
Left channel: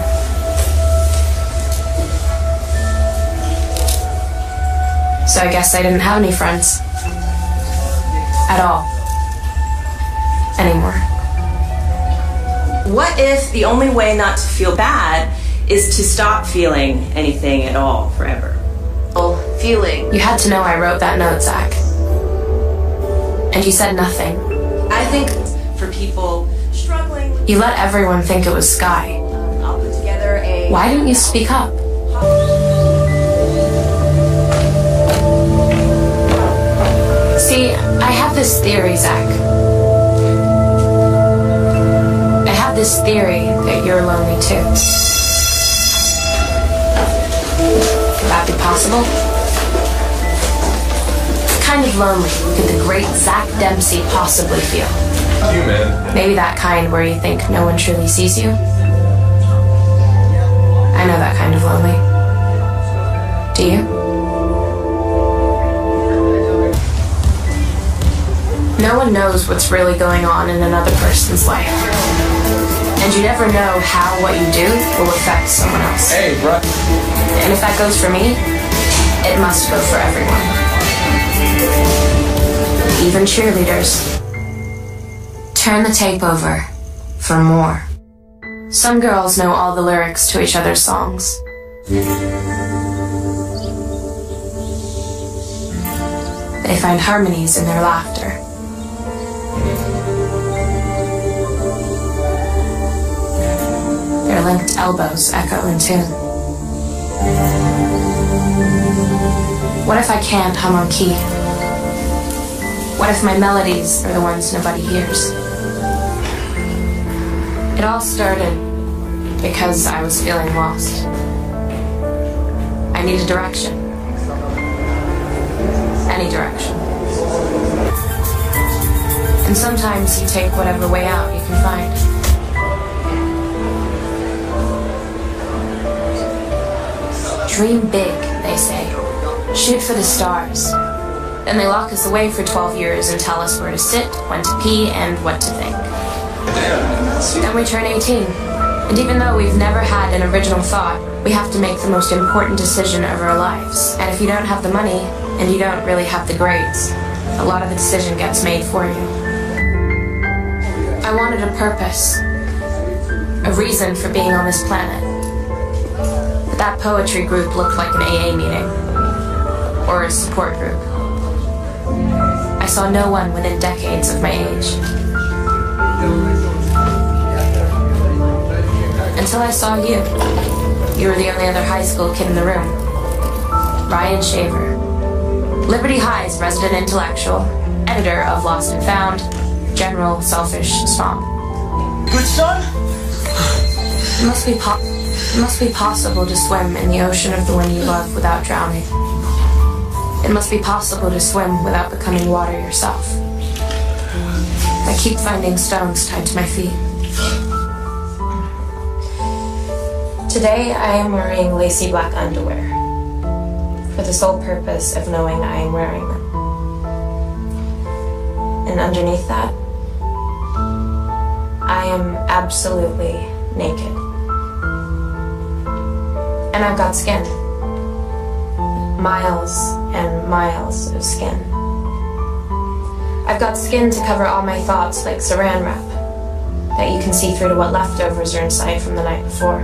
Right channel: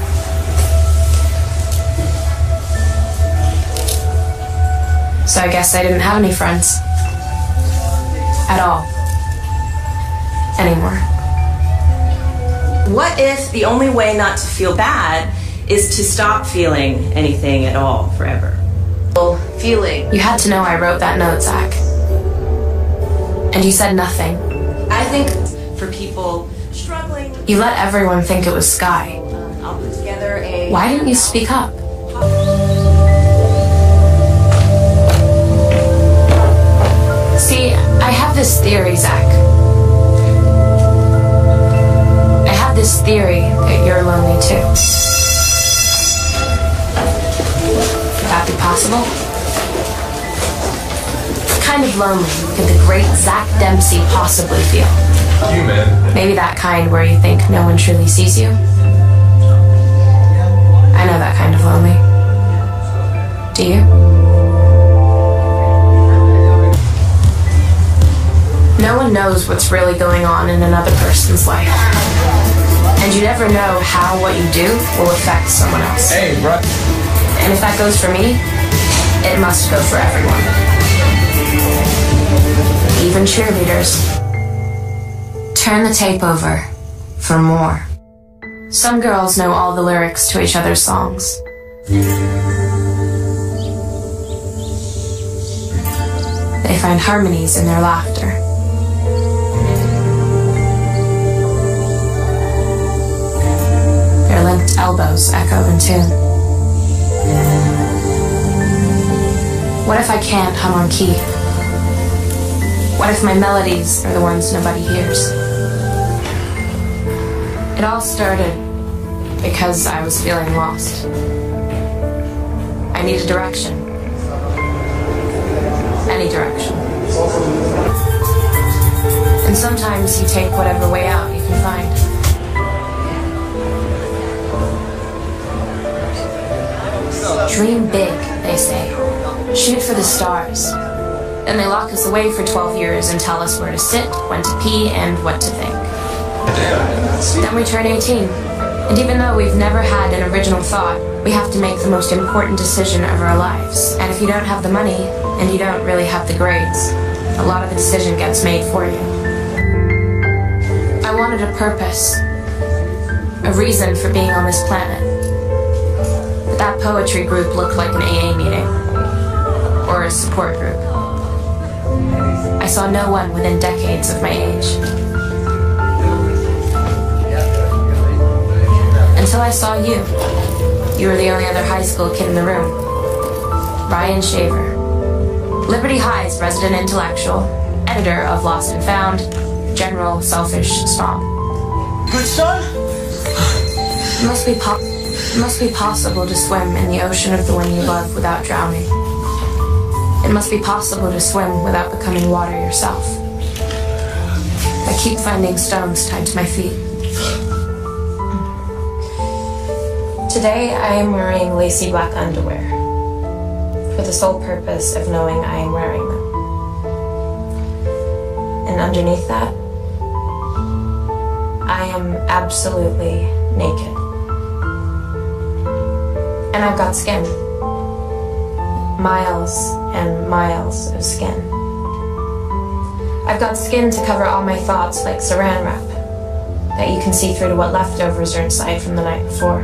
So I guess I didn't have any friends. At all. Anymore. What if the only way not to feel bad is to stop feeling anything at all forever? Feeling. You had to know I wrote that note, Zach. And you said nothing. I think for people struggling... You let everyone think it was Sky. I'll put together a... Why didn't you speak up? See, I have this theory, Zach. I have this theory that you're lonely too. Could that be possible? What kind of lonely could the great Zach Dempsey possibly feel? You, man. Maybe that kind where you think no one truly sees you? I know that kind of lonely. Do you? No one knows what's really going on in another person's life. And you never know how what you do will affect someone else. Hey, bro. And if that goes for me, it must go for everyone. Even cheerleaders. Turn the tape over for more. Some girls know all the lyrics to each other's songs. They find harmonies in their laughter. Their linked elbows echo in tune. What if I can't hum on key? What if my melodies are the ones nobody hears? It all started because I was feeling lost. I needed direction. Any direction. And sometimes you take whatever way out you can find. Dream big, they say. Shoot for the stars. Then they lock us away for 12 years and tell us where to sit, when to pee, and what to think. Then we turn 18. And even though we've never had an original thought, we have to make the most important decision of our lives. And if you don't have the money, and you don't really have the grades, a lot of the decision gets made for you. I wanted a purpose. A reason for being on this planet. But that poetry group looked like an AA meeting. Or a support group. I saw no one within decades of my age. Until I saw you. You were the only other high school kid in the room. Bryan Shaver. Liberty High's resident intellectual, editor of Lost and Found, general selfish song. Good son? It must be possible to swim in the ocean of the one you love without drowning. It must be possible to swim without becoming water yourself. I keep finding stones tied to my feet. Today I am wearing lacy black underwear for the sole purpose of knowing I am wearing them. And underneath that, I am absolutely naked. And I've got skin. Miles and miles of skin. I've got skin to cover all my thoughts like saran wrap, that you can see through to what leftovers are inside from the night before.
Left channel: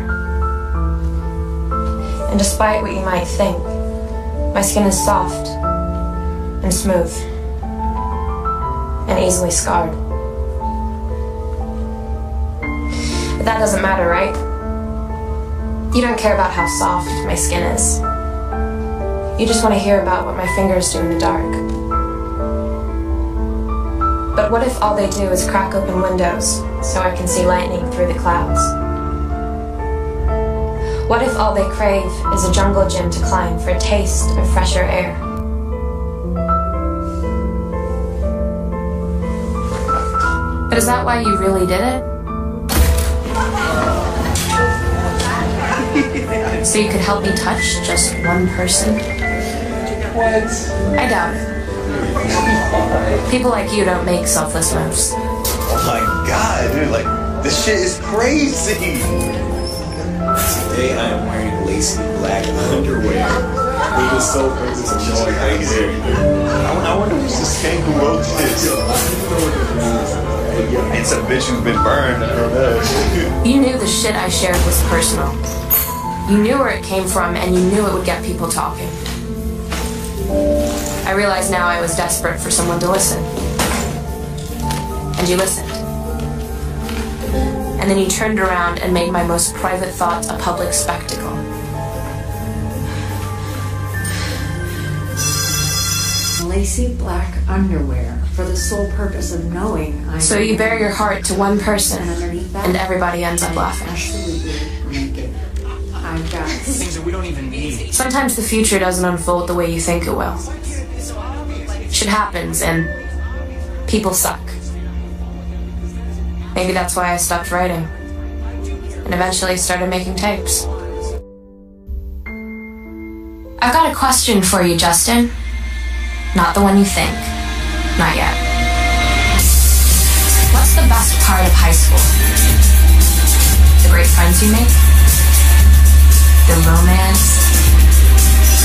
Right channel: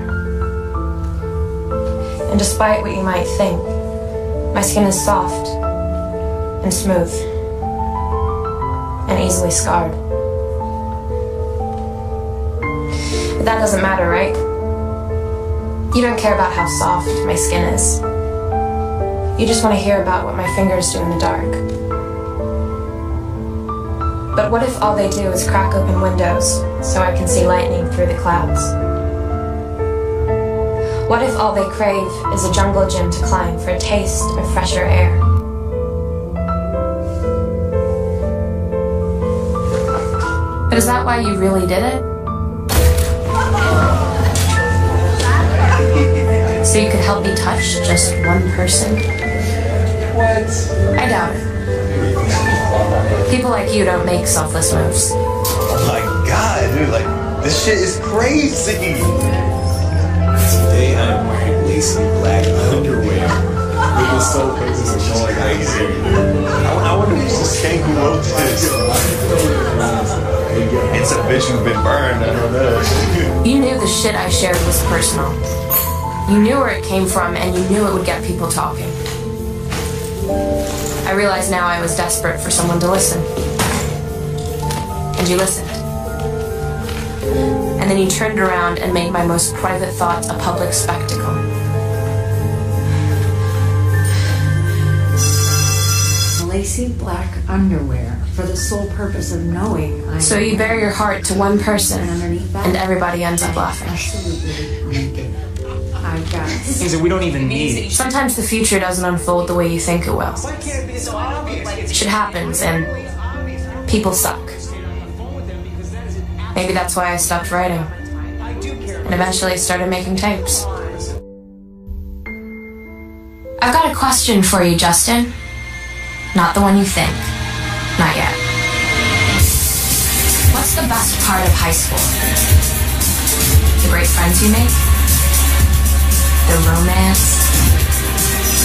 And despite what you might think, my skin is soft and smooth and easily scarred. But that doesn't matter, right? You don't care about how soft my skin is. You just want to hear about what my fingers do in the dark. But what if all they do is crack open windows so I can see lightning through the clouds? What if all they crave is a jungle gym to climb for a taste of fresher air? But is that why you really did it? So you could help me touch just one person? What? I doubt it. People like you don't make selfless moves. Oh my god, dude, like, this shit is crazy. Today I'm wearing lacy black underwear. It was so crazy. I wonder who's this king who wrote this. It's a bitch who's been burned, I don't know. You knew the shit I shared was personal. You knew where it came from, and you knew it would get people talking. I realized now I was desperate for someone to listen. And you listened. And then you turned around and made my most private thoughts a public spectacle. Lacy black underwear for the sole purpose of knowing I'm... So you bare your heart to one person, and everybody ends up laughing. Absolutely. I've got Things that we don't even need. Sometimes the future doesn't unfold the way you think it will. Why can't it be so obvious? Shit happens, and people suck. Maybe that's why I stopped writing, and eventually started making tapes. I've got a question for you, Justin. Not the one you think. Not yet. What's the best part of high school? The great friends you make? The romance?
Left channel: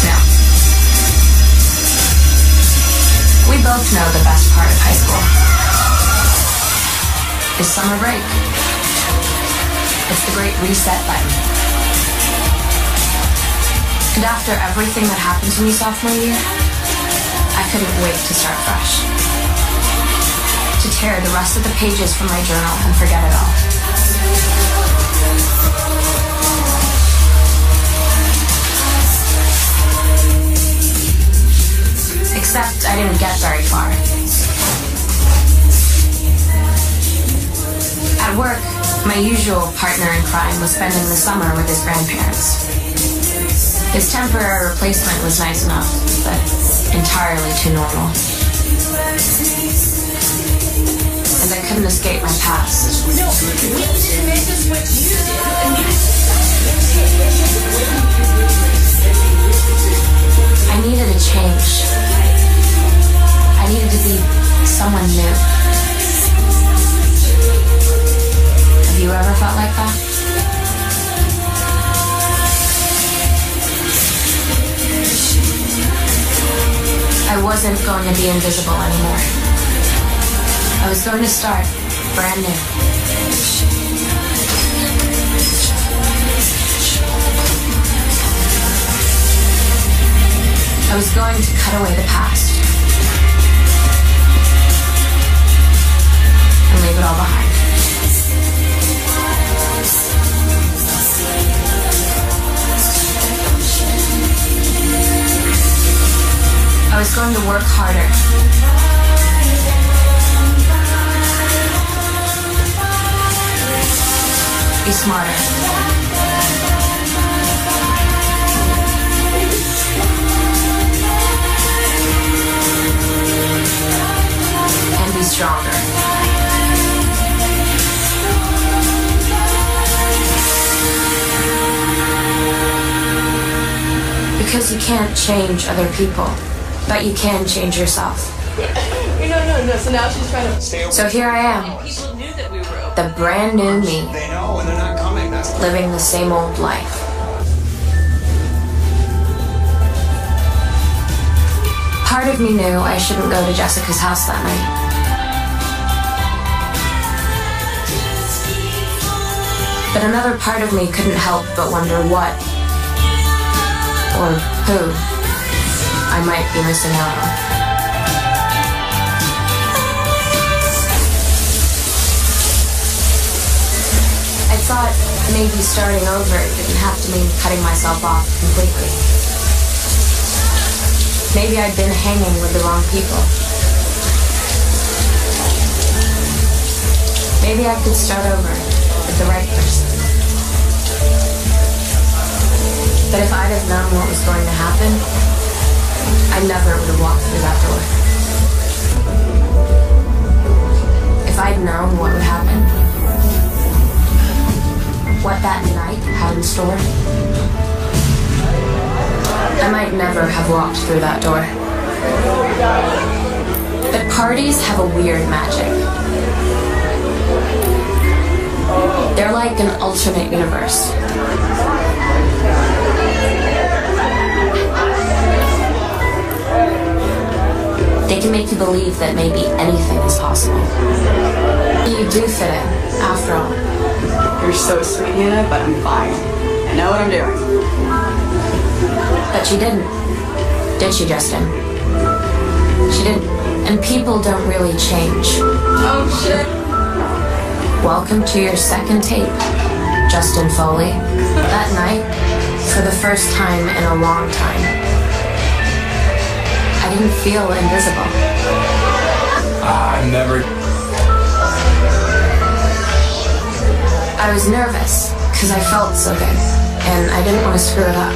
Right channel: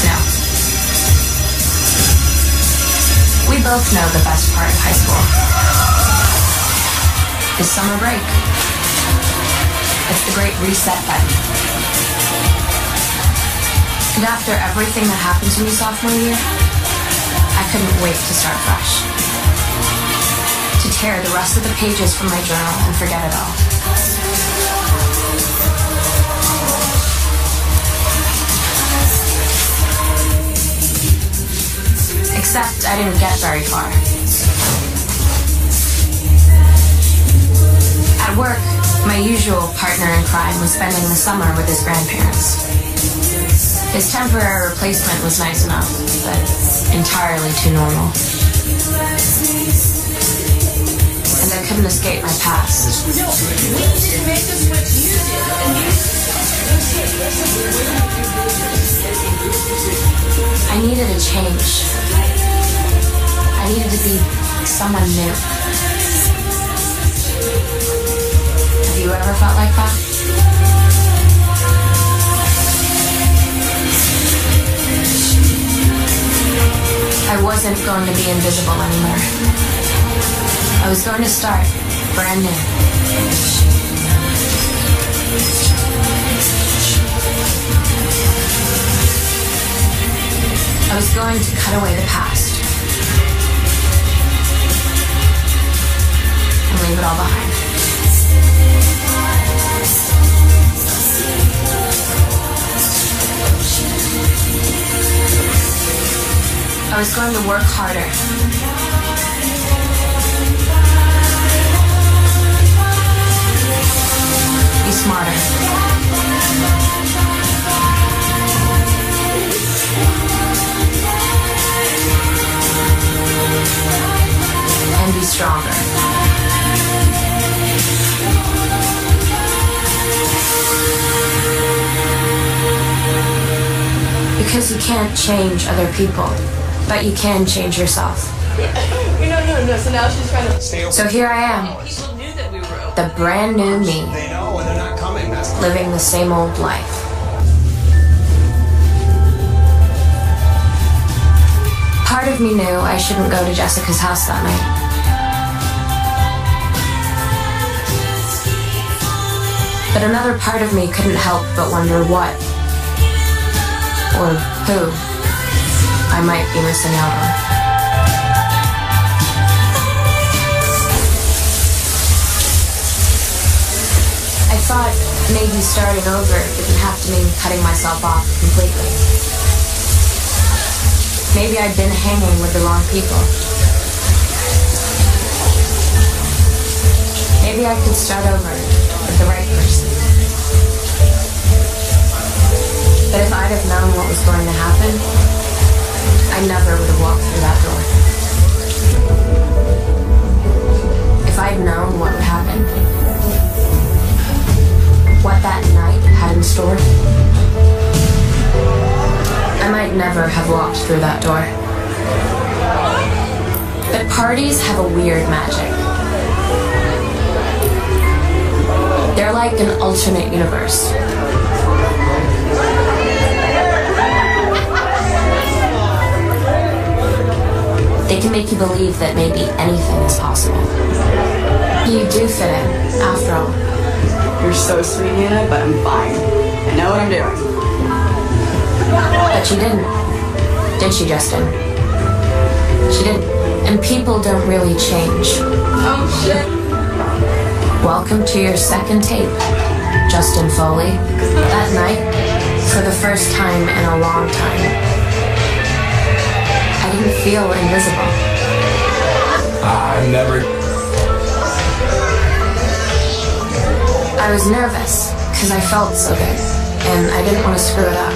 No. We both know the best part of high school is summer break. It's the great reset button. And after everything that happened to me sophomore year, I couldn't wait to start fresh. To tear the rest of the pages from my journal and forget it all. Except I didn't get very far. At work, my usual partner in crime was spending the summer with his grandparents. His temporary replacement was nice enough, but entirely too normal. And I couldn't escape my past. I needed a change. I needed to be someone new. Have you ever felt like that? I wasn't going to be invisible anymore. I was going to start brand new. I was going to cut away the past and leave it all behind. I was going to work harder. Be smarter. And be stronger. Because you can't change other people. But you can change yourself. No. So now she's trying to... So here I am. People knew that we were... The brand new me. They know when they're not coming. That's Living the same old life. Part of me knew I shouldn't go to Jessica's house that night. But another part of me couldn't help but wonder what, or who, I might be missing out on. I thought maybe starting over didn't have to mean cutting myself off completely. Maybe I'd been hanging with the wrong people. Maybe I could start over with the right person. But if I'd have known what was going to happen, I never would have walked through that door. If I'd known what would happen, what that night had in store, I might never have walked through that door. But parties have a weird magic. They're like an alternate universe. They can make you believe that maybe anything is possible. You do fit in, after all. You're so sweet, Nina, but I'm fine. I know what I'm doing. But she didn't. Did she, Justin? She did. And people don't really change. Oh, shit. Welcome to your second tape, Justin Foley. That night, for the first time in a long time, I didn't feel invisible. I never... I was nervous, because I felt so good, and I didn't want to screw it up.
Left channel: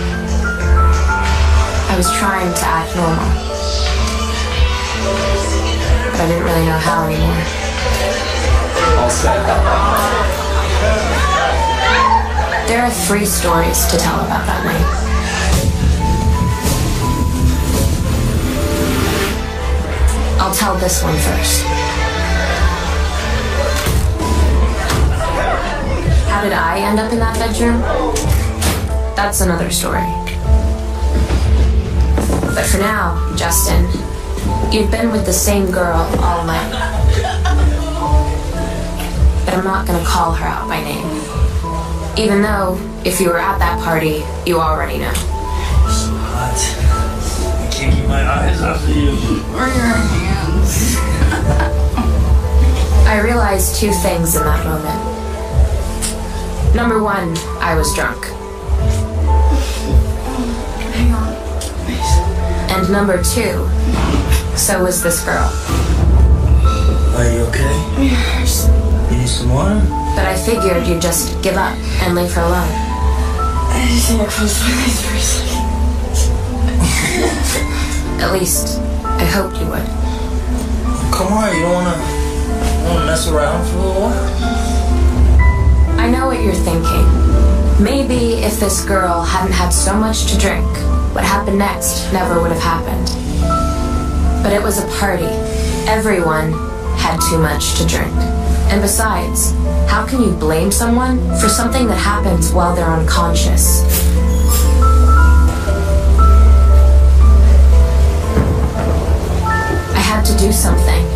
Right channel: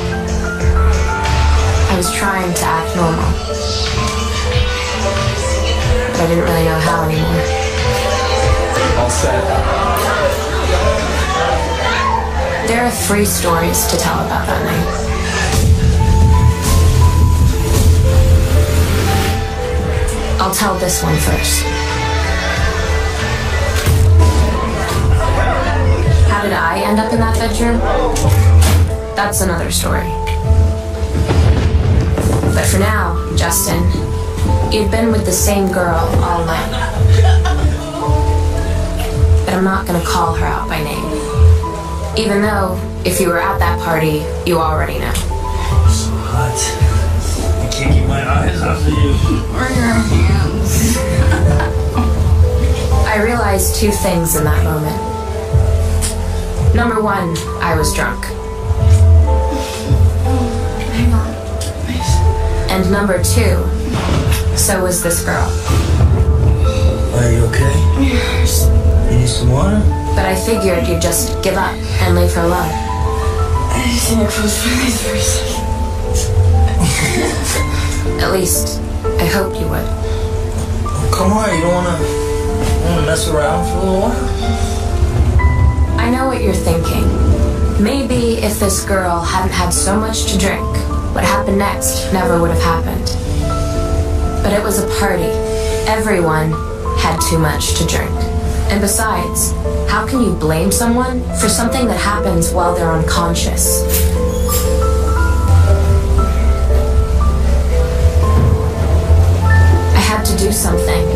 I was trying to act normal. But I didn't really know how anymore. All set. There are 3 stories to tell about that night. I'll tell this one first. How did I end up in that bedroom? That's another story. But for now, Justin, you've been with the same girl all night. But I'm not gonna call her out by name. Even though, if you were at that party, you already know. So hot. I can't keep my eyes off of you. Or your hands. I realized 2 things in that moment. Number 1, I was drunk. And number 2, so was this girl. Are you okay? Yes. You need some water? But I figured you'd just give up and leave her alone. I just need to close my eyes for a second. At least, I hoped you would. Come on, you don't wanna mess around for a little while? I know what you're thinking. Maybe if this girl hadn't had so much to drink, what happened next never would have happened. But it was a party. Everyone had too much to drink. And besides, how can you blame someone for something that happens while they're unconscious? I had to do something.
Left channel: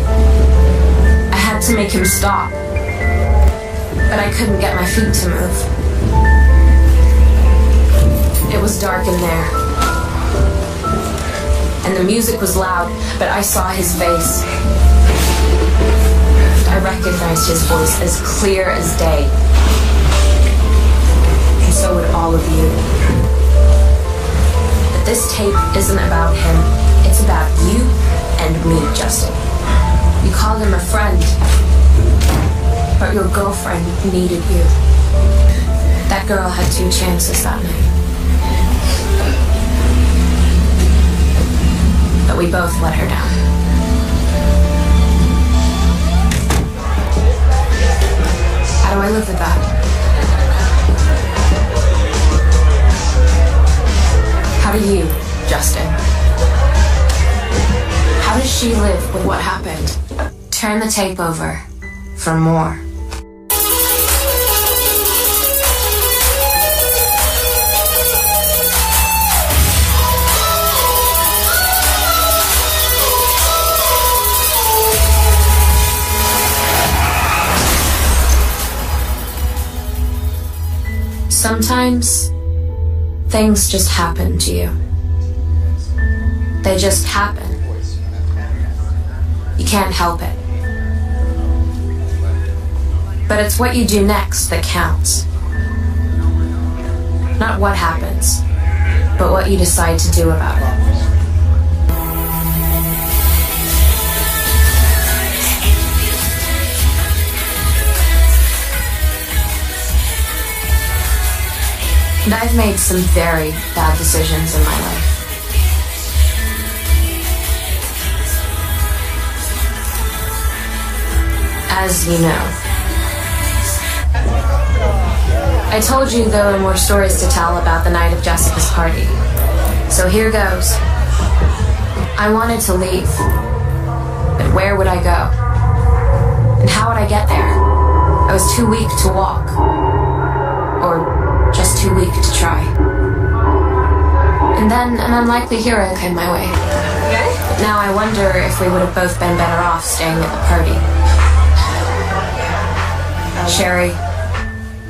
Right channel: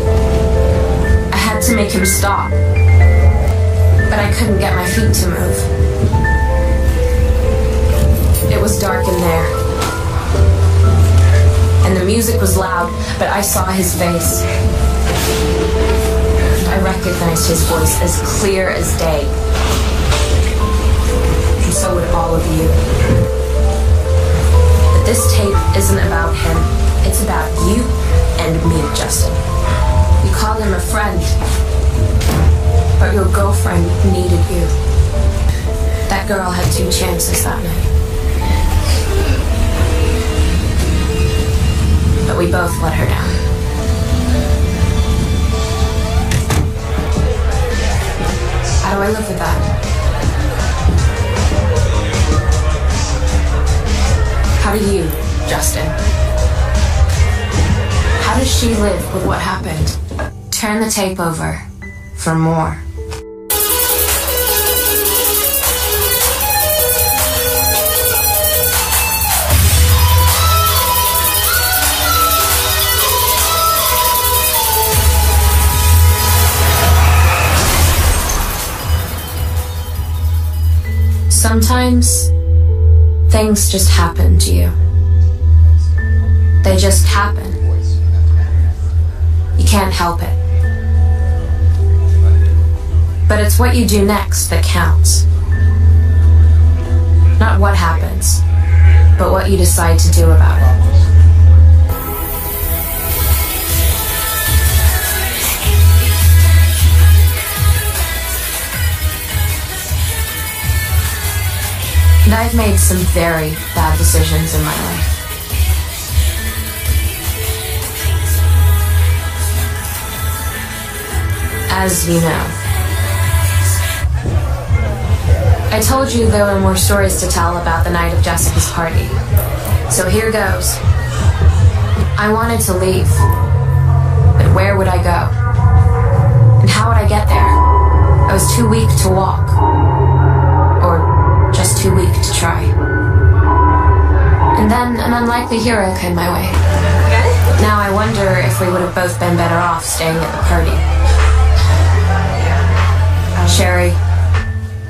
I had to make him stop. But I couldn't get my feet to move. It was dark in there. And the music was loud, but I saw his face. I recognized his voice as clear as day. And so would all of you. But this tape isn't about him. It's about you and me, Justin. You call him a friend, but your girlfriend needed you. That girl had 2 chances that night. But we both let her down. How do I live with that? How do you, Justin? How does she live with what happened? Turn the tape over for more. Sometimes, things just happen to you. They just happen. You can't help it. But it's what you do next that counts. Not what happens, but what you decide to do about it. And I've made some very bad decisions in my life. As you know. I told you there were more stories to tell about the night of Jessica's party. So here goes. I wanted to leave. But where would I go? And how would I get there? I was too weak to walk. Or just too weak to try. And then an unlikely hero came my way. Now I wonder if we would have both been better off staying at the party. Sherry,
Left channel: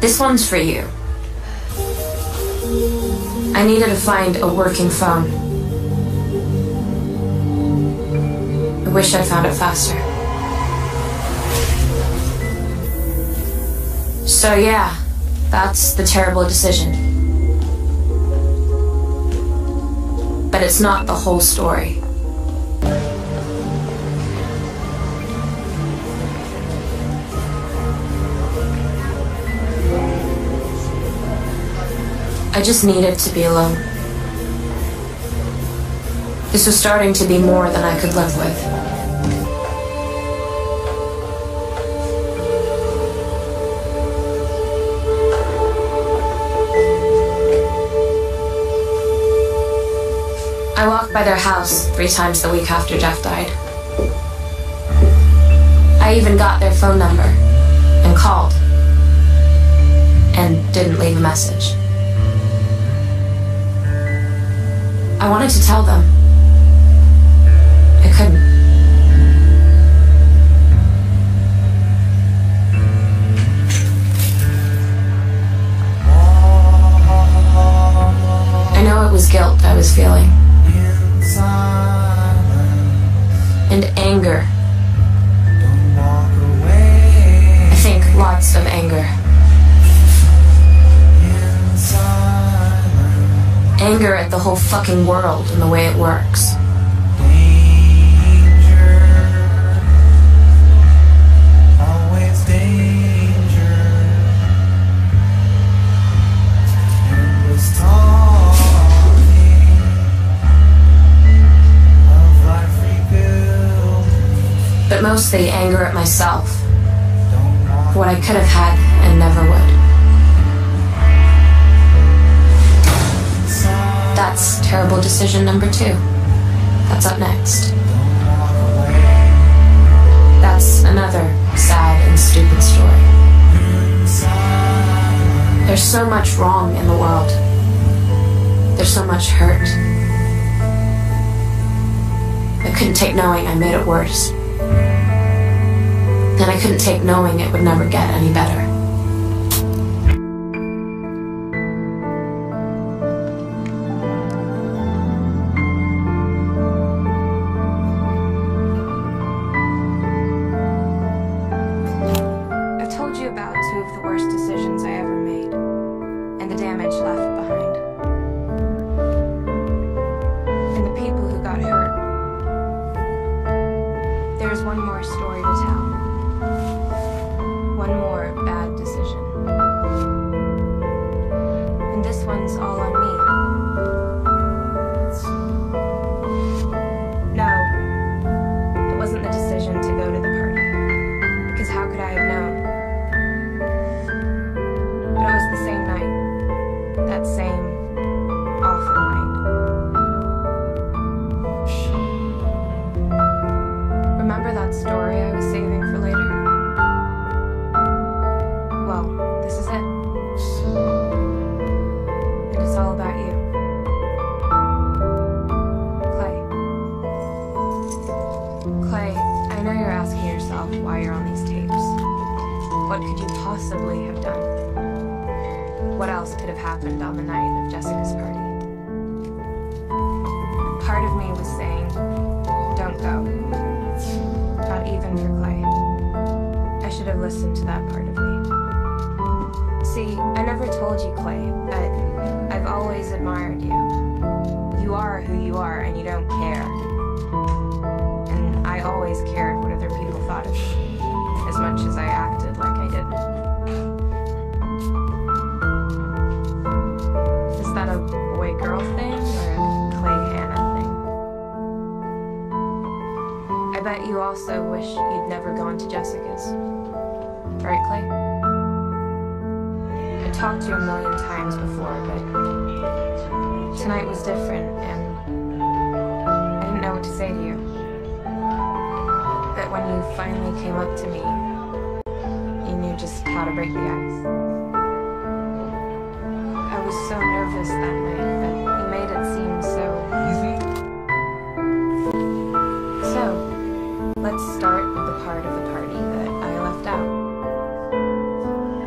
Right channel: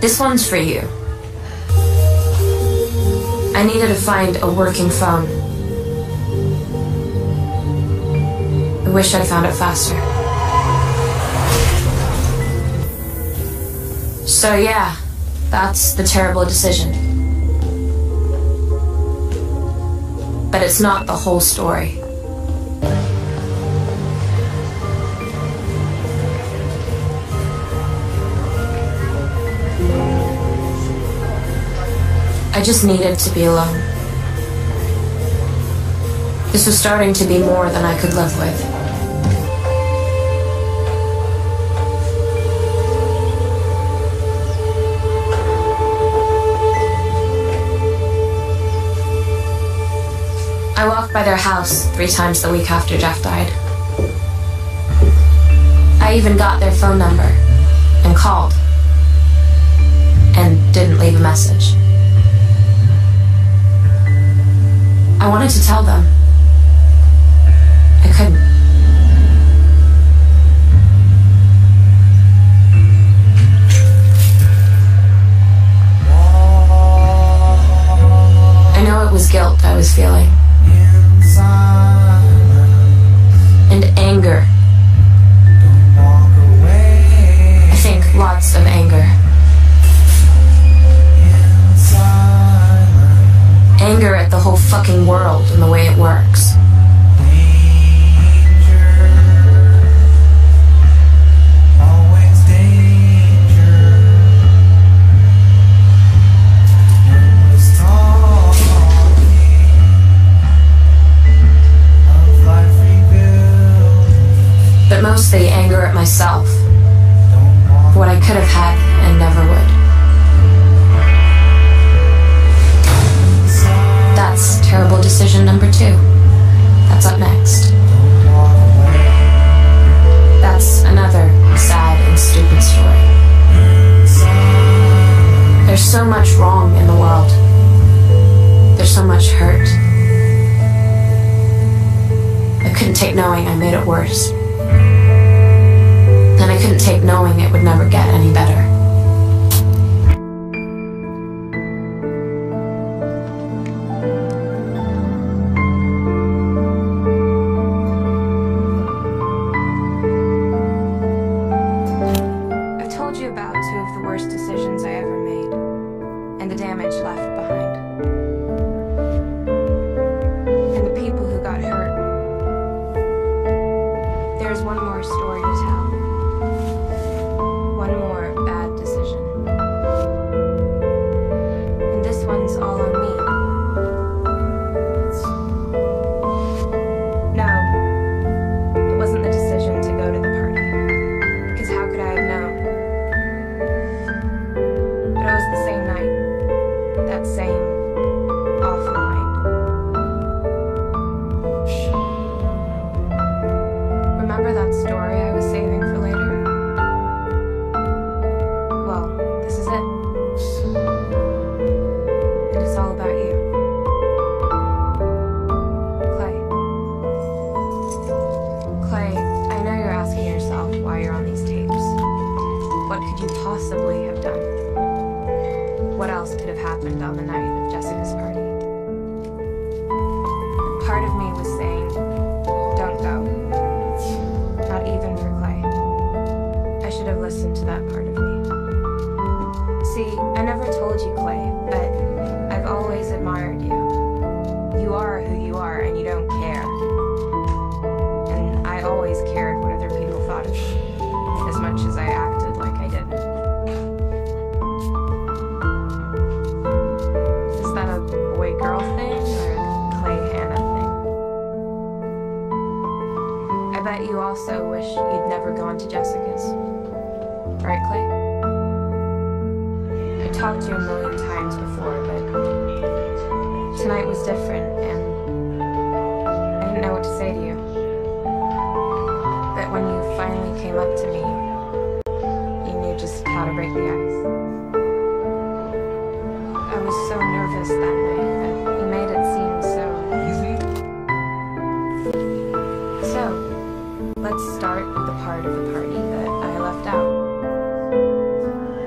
This one's for you. I needed to find a working phone. I wish I found it faster. So yeah, that's the terrible decision. But it's not the whole story. I just needed to be alone. This was starting to be more than I could live with. I walked by their house 3 times the week after Jeff died. I even got their phone number and called and didn't leave a message. I wanted to tell them. I couldn't. I know it was guilt I was feeling. And anger. I think lots of anger. Anger at the whole fucking world and the way it works. But mostly anger at myself. For what I could have had and never would. That's terrible decision number 2. That's up next. That's another sad and stupid story. There's so much wrong in the world. There's so much hurt. I couldn't take knowing I made it worse. And I couldn't take knowing it would never get any better.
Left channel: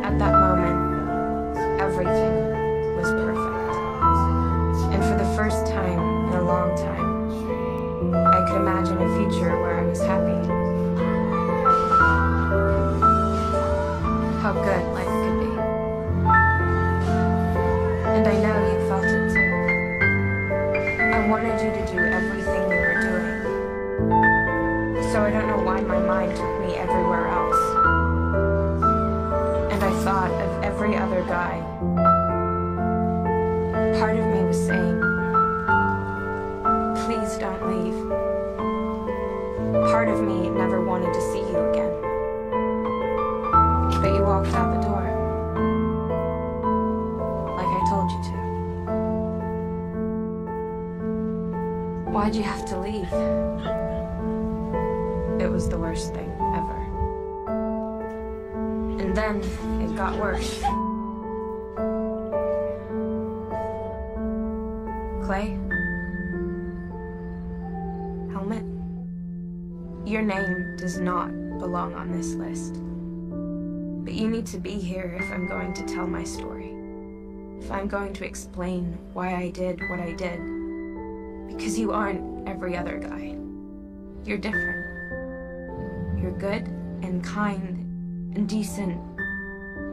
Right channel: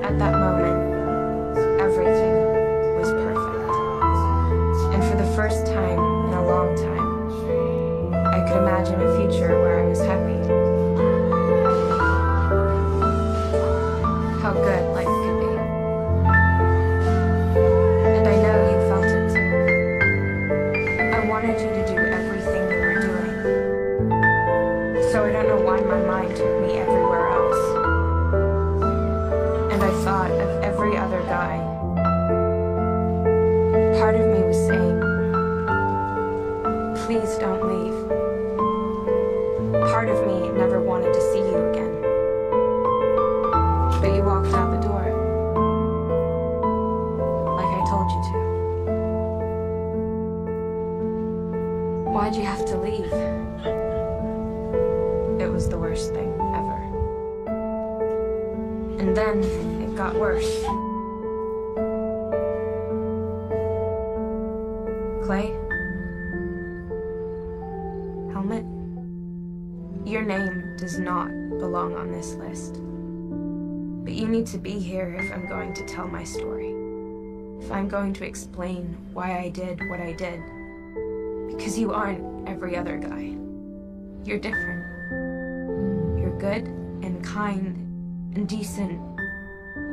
At that moment, the first time in a long time, I could imagine a future where I was happy. How good life could be. And I know you felt it too. I wanted you to do everything you were doing. So I don't know why my mind took me everywhere else. And I thought of every other guy. Part of me was saying, please don't leave. Part of me never wanted to see you again. But you walked out the door. Like I told you to. Why'd you have to leave? It was the worst thing ever. And then it got worse. Clay? Helmet? Your name does not belong on this list. But you need to be here if I'm going to tell my story. If I'm going to explain why I did what I did. Because you aren't every other guy. You're different. You're good and kind and decent.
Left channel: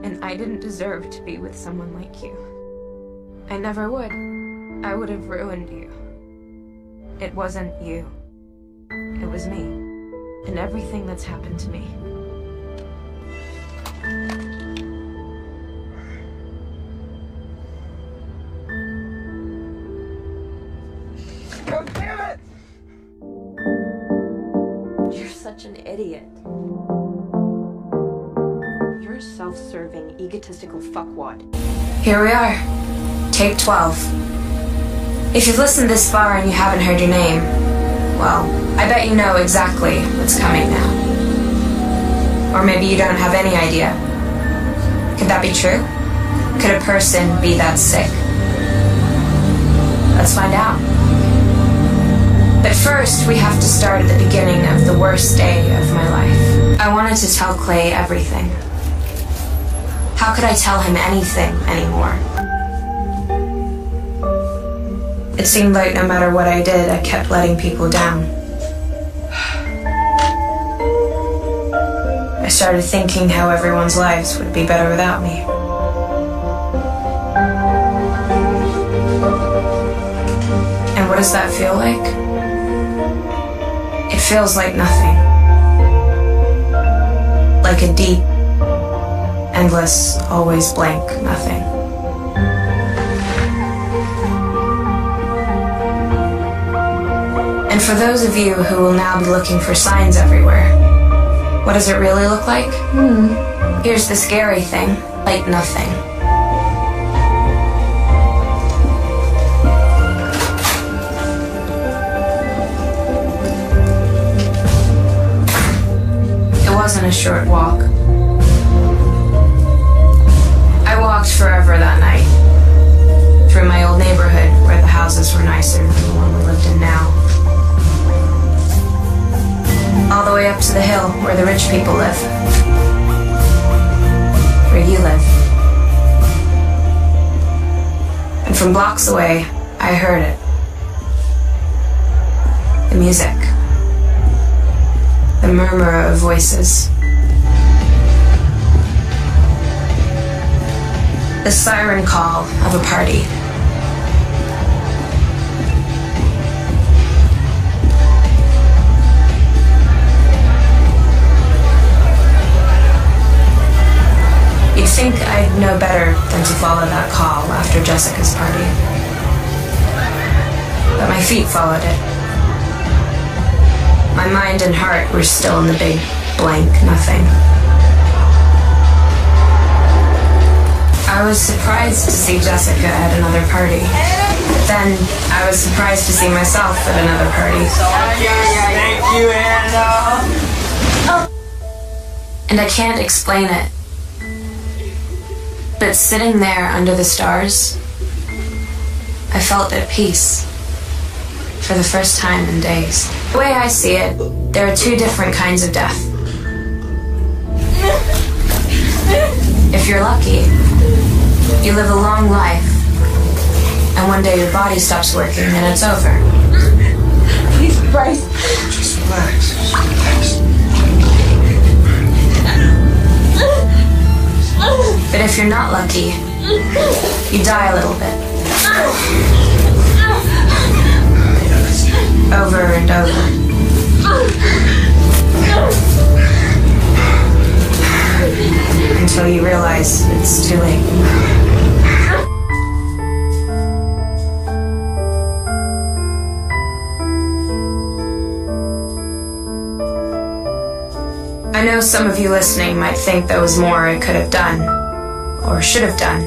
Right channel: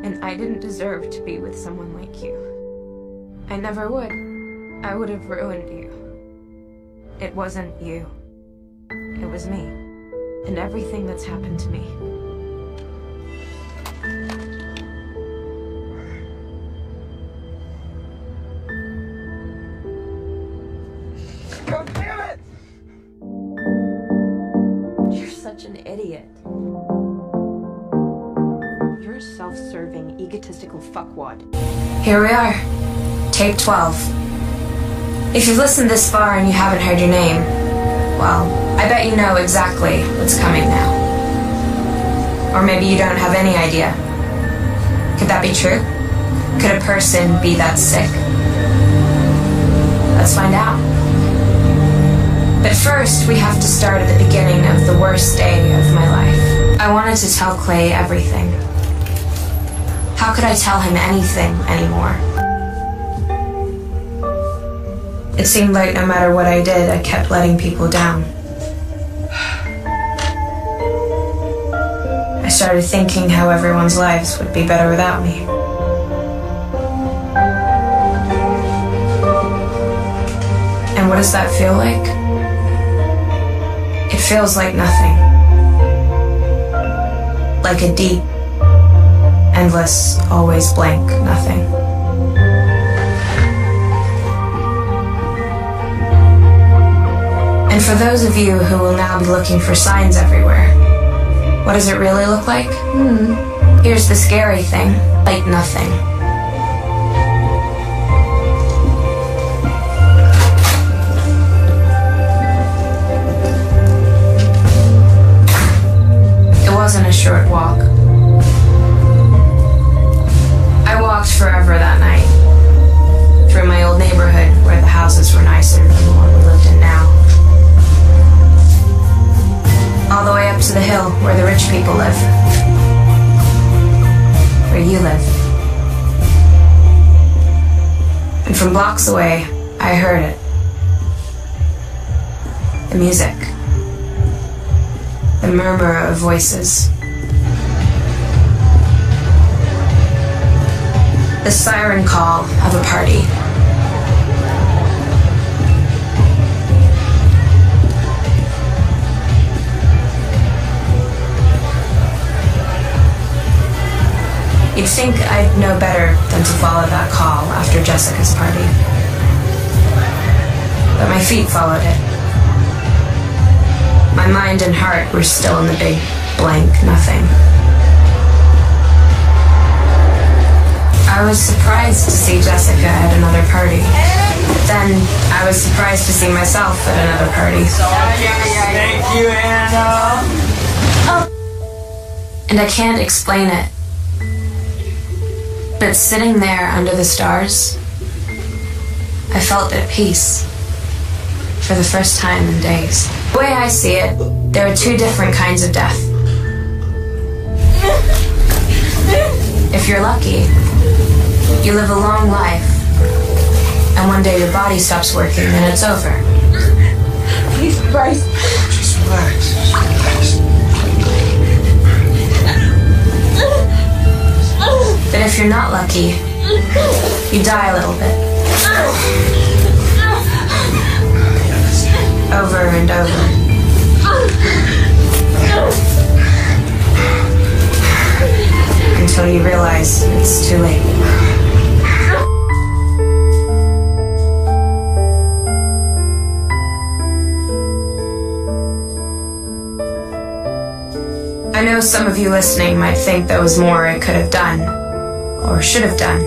And I didn't deserve to be with someone like you. I never would. I would have ruined you. It wasn't you. It was me. And everything that's happened to me. God damn it! You're such an idiot. You're a self-serving, egotistical fuckwad. Here we are. Tape 12. If you've listened this far and you haven't heard your name, well, I bet you know exactly what's coming now. Or maybe you don't have any idea. Could that be true? Could a person be that sick? Let's find out. But first, we have to start at the beginning of the worst day of my life. I wanted to tell Clay everything. How could I tell him anything anymore? It seemed like no matter what I did, I kept letting people down. I started thinking how everyone's lives would be better without me. And what does that feel like? It feels like nothing. Like a deep, endless, always blank nothing. And for those of you who will now be looking for signs everywhere, what does it really look like? Here's the scary thing, like nothing. It wasn't a short walk. I walked forever that night, through my old neighborhood where the houses were nicer than the one we lived in now. All the way up to the hill where the rich people live. Where you live. And from blocks away, I heard it. The music. The murmur of voices. The siren call of a party. You'd think I'd know better than to follow that call after Jessica's party. But my feet followed it. My mind and heart were still in the big, blank nothing. I was surprised to see Jessica at another party. But then I was surprised to see myself at another party. Thank you, Anna! And I can't explain it. But sitting there under the stars, I felt at peace for the first time in days. The way I see it, there are two different kinds of death. If you're lucky, you live a long life, and one day your body stops working and it's over. Please, Bryce. Just relax. But if you're not lucky, you die a little bit. Over and over. Until you realize it's too late. I know some of you listening might think there was more I could have done, or should have done.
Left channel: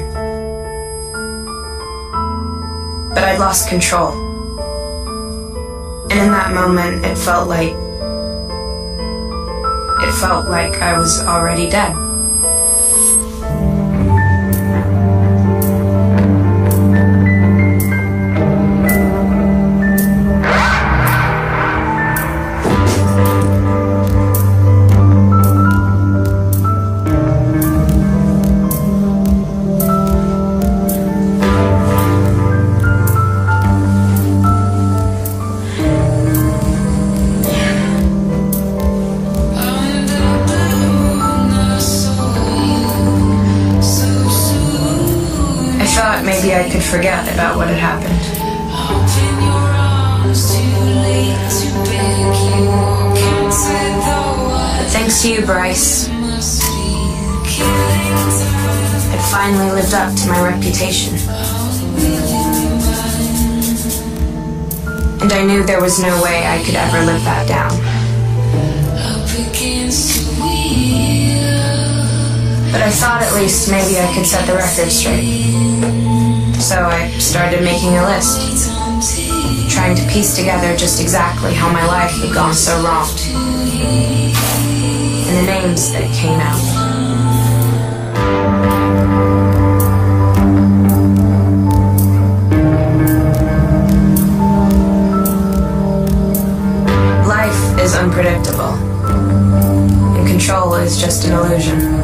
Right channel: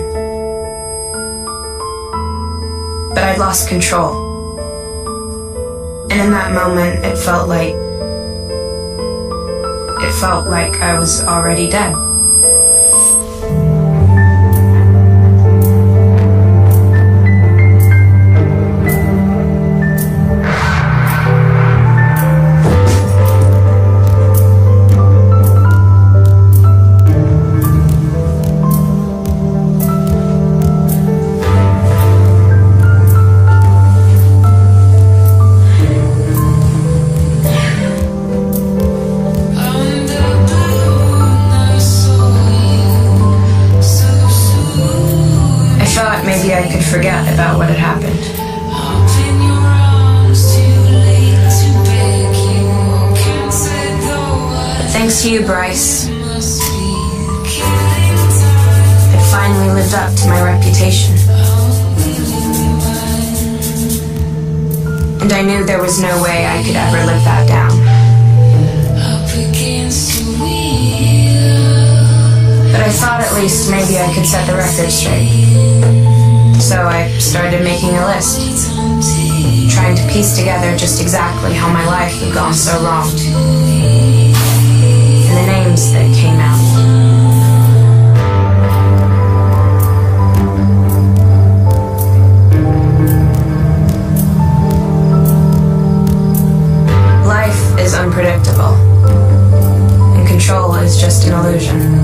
But I lost control. And in that moment, it felt like I was already dead. Maybe I could forget about what had happened. But thanks to you, Bryce, I finally lived up to my reputation. And I knew there was no way I could ever live that down. But I thought at least maybe I could set the record straight. So I started making a list, trying to piece together just exactly how my life had gone so wrong, and the names that came out. Life is unpredictable, and control is just an illusion.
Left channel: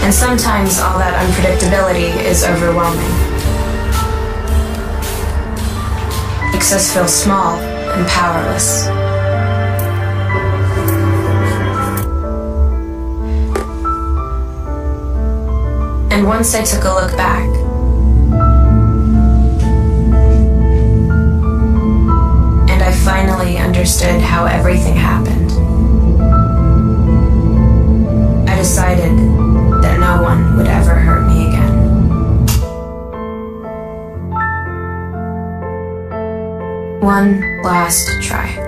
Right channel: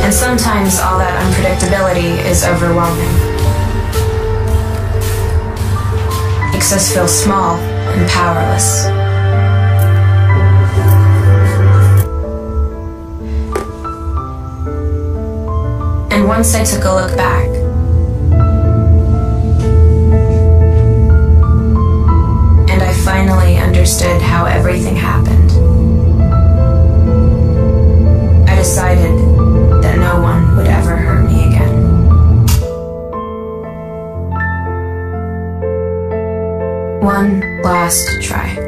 And sometimes all that unpredictability is overwhelming. Makes us feel small and powerless. And once I took a look back, and I finally understood how everything happened, I decided that no one would ever hurt me again. One last try.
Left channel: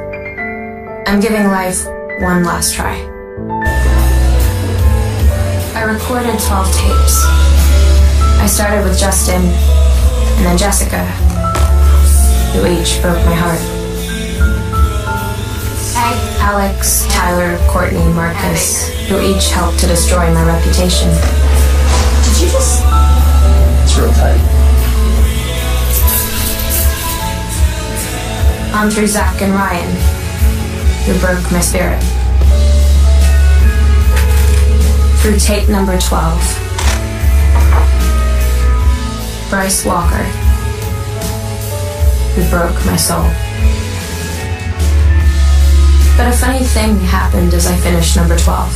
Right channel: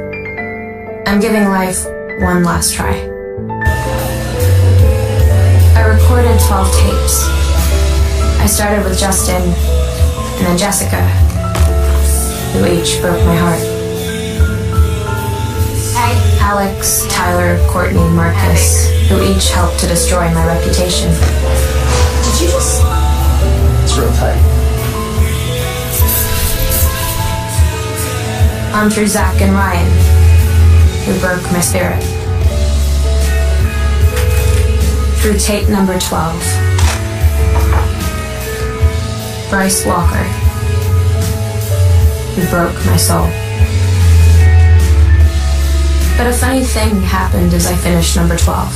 I'm giving life one last try. I recorded 12 tapes. I started with Justin and then Jessica, who each broke my heart. Alex, Tyler, Courtney, Marcus, who each helped to destroy my reputation. Did you just... It's real tight. On through Zach and Ryan, who broke my spirit. Through tape number 12, Bryce Walker, who broke my soul. But a funny thing happened as I finished number 12.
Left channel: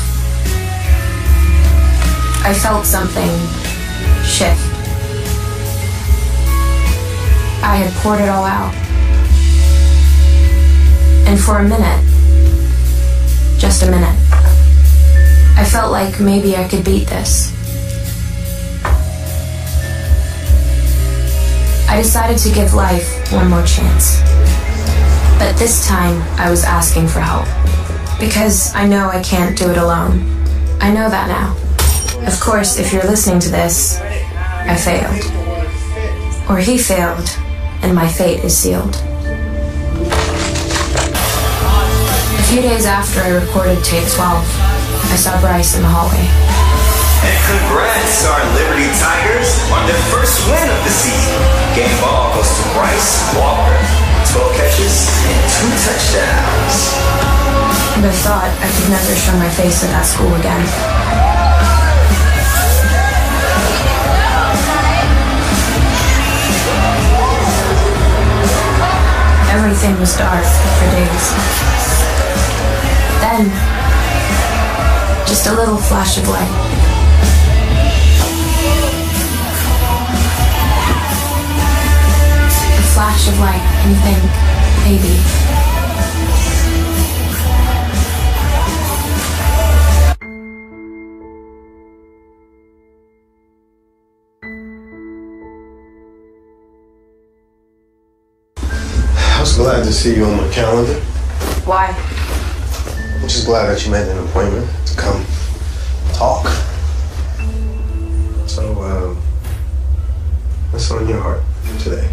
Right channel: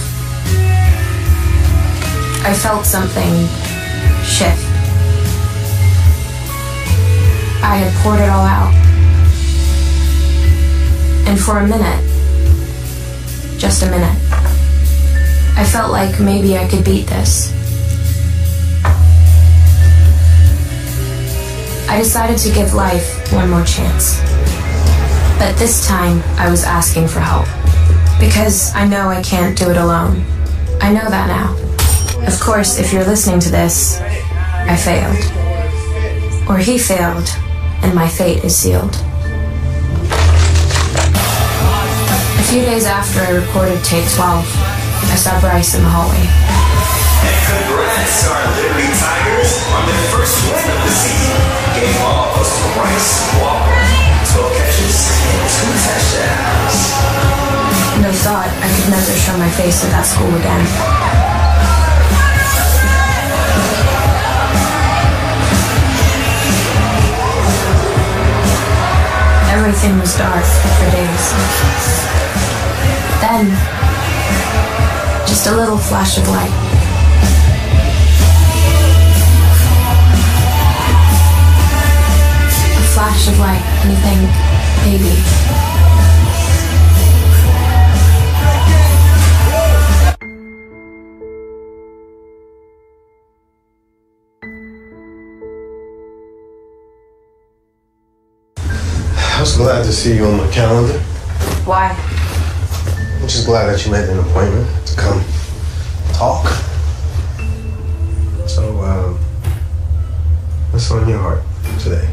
I felt something shift. I had poured it all out. And for a minute, just a minute, I felt like maybe I could beat this. I decided to give life one more chance. But this time, I was asking for help. Because I know I can't do it alone. I know that now. Of course, if you're listening to this, I failed. Or he failed, and my fate is sealed. A few days after I recorded tape 12, I saw Bryce in the hallway. And congrats, our Liberty Tigers, on their first win of the season. Game balls to Bryce Walker. 12 catches and 2 touchdowns. And I thought I could never show my face at that school again. was dark for days. Then, just a little flash of light. A flash of light, and you think, maybe. I'm just glad to see you on my calendar. Why? I'm just glad that you made an appointment to come talk. So, what's on your heart today?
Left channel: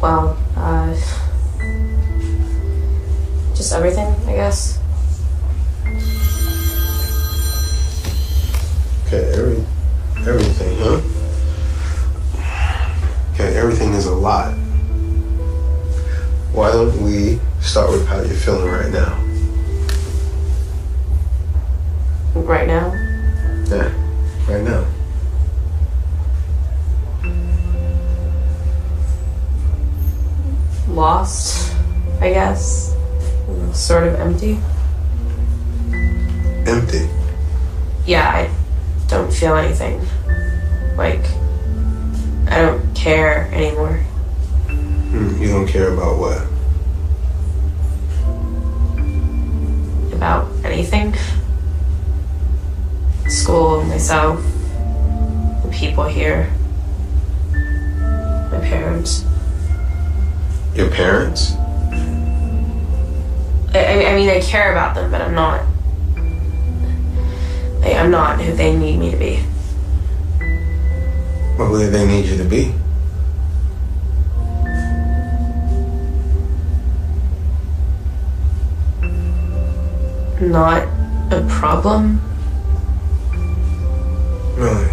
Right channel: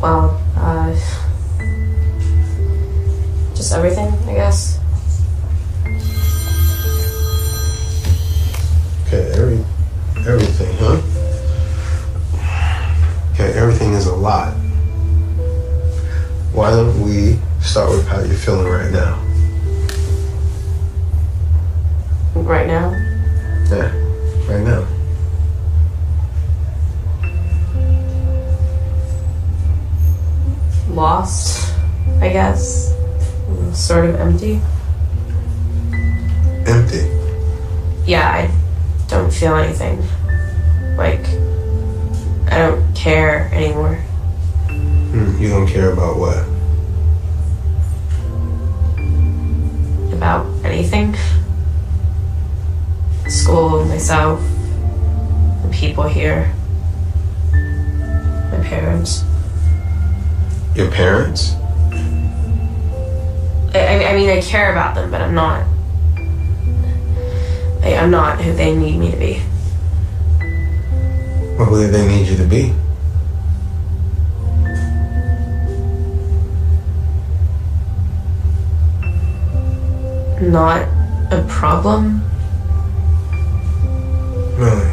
Well, just everything, I guess. Okay, everything, huh? Okay, everything is a lot. Why don't we start with how you're feeling right now? Right now? Yeah, right now. Lost, I guess. Sort of empty. Empty? Yeah, I don't feel anything. Like, I don't care anymore. You don't care about what? About anything. School, myself, the people here, my parents. Your parents? I mean, I care about them, but I'm not. I'm not who they need me to be. What do they need you to be? Not a problem. Really?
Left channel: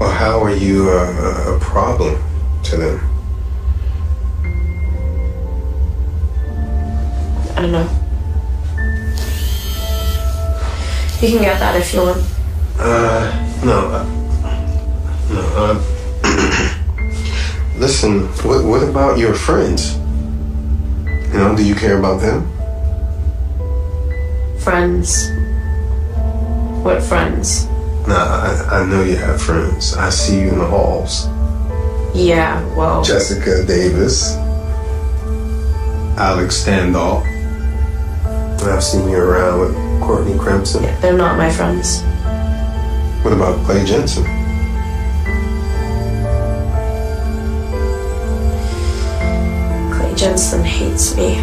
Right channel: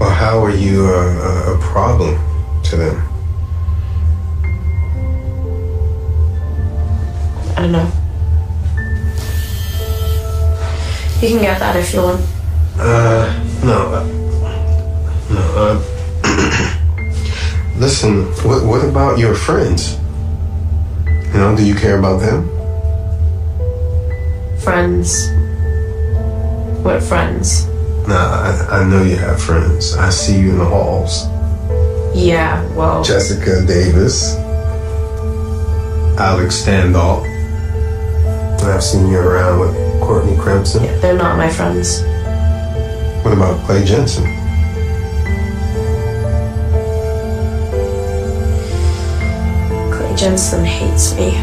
Well, how are you a problem to them? I don't know. You can get that if you want. No. Listen, what about your friends? You know, do you care about them? Friends? What friends? Nah, I know you have friends. I see you in the halls. Yeah, well... Jessica Davis. Alex Standall. And I've seen you around with Courtney Crimson. Yeah, they're not my friends. What about Clay Jensen? Clay Jensen hates me.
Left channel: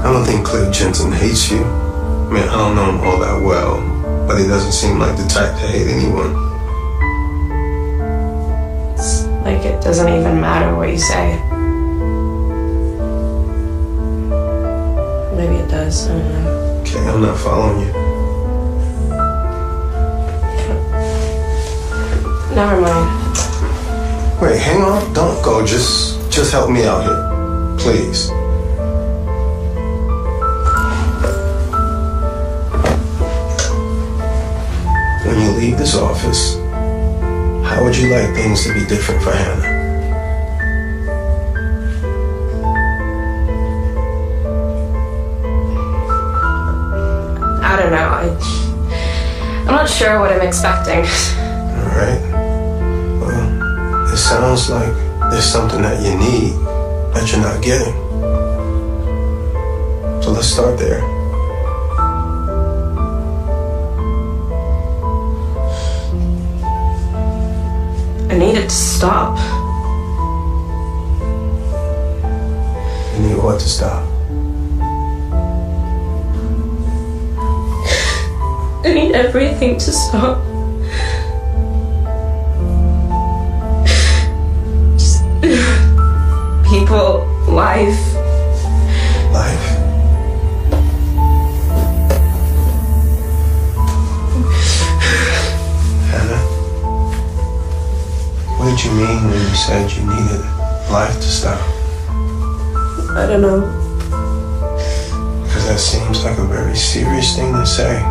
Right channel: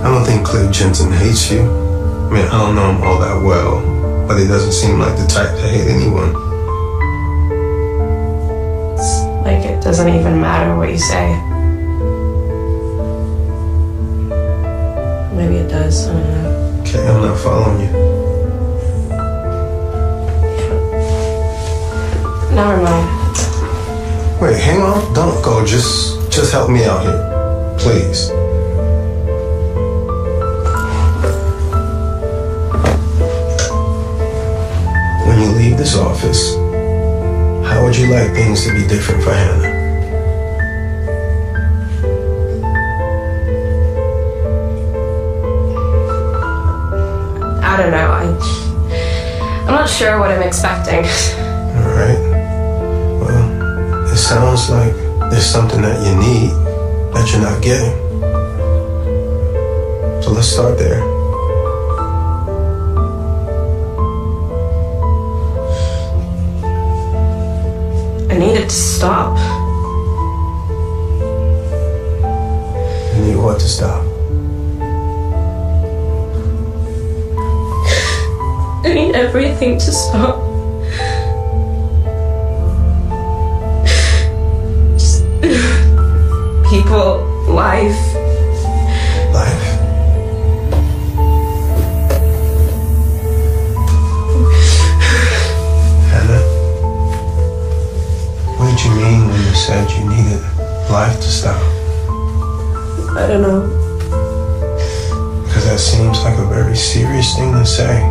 I don't think Clay Jensen hates you. I mean, I don't know him all that well, but he doesn't seem like the type to hate anyone. It's like it doesn't even matter what you say. Maybe it does, I don't know. Okay, I'm not following you. Never mind. Wait, hang on. Don't go. Just help me out here. Please. When you leave this office, how would you like things to be different for Hannah? I don't know. I'm not sure what I'm expecting. All right. Well, it sounds like there's something that you need that you're not getting. So let's start there. I need it to stop. You need what to stop? I need everything to stop. Just people, life. Life? Hannah, what did you mean when you said you needed life to stop? I don't know. Because that seems like a very serious thing to say.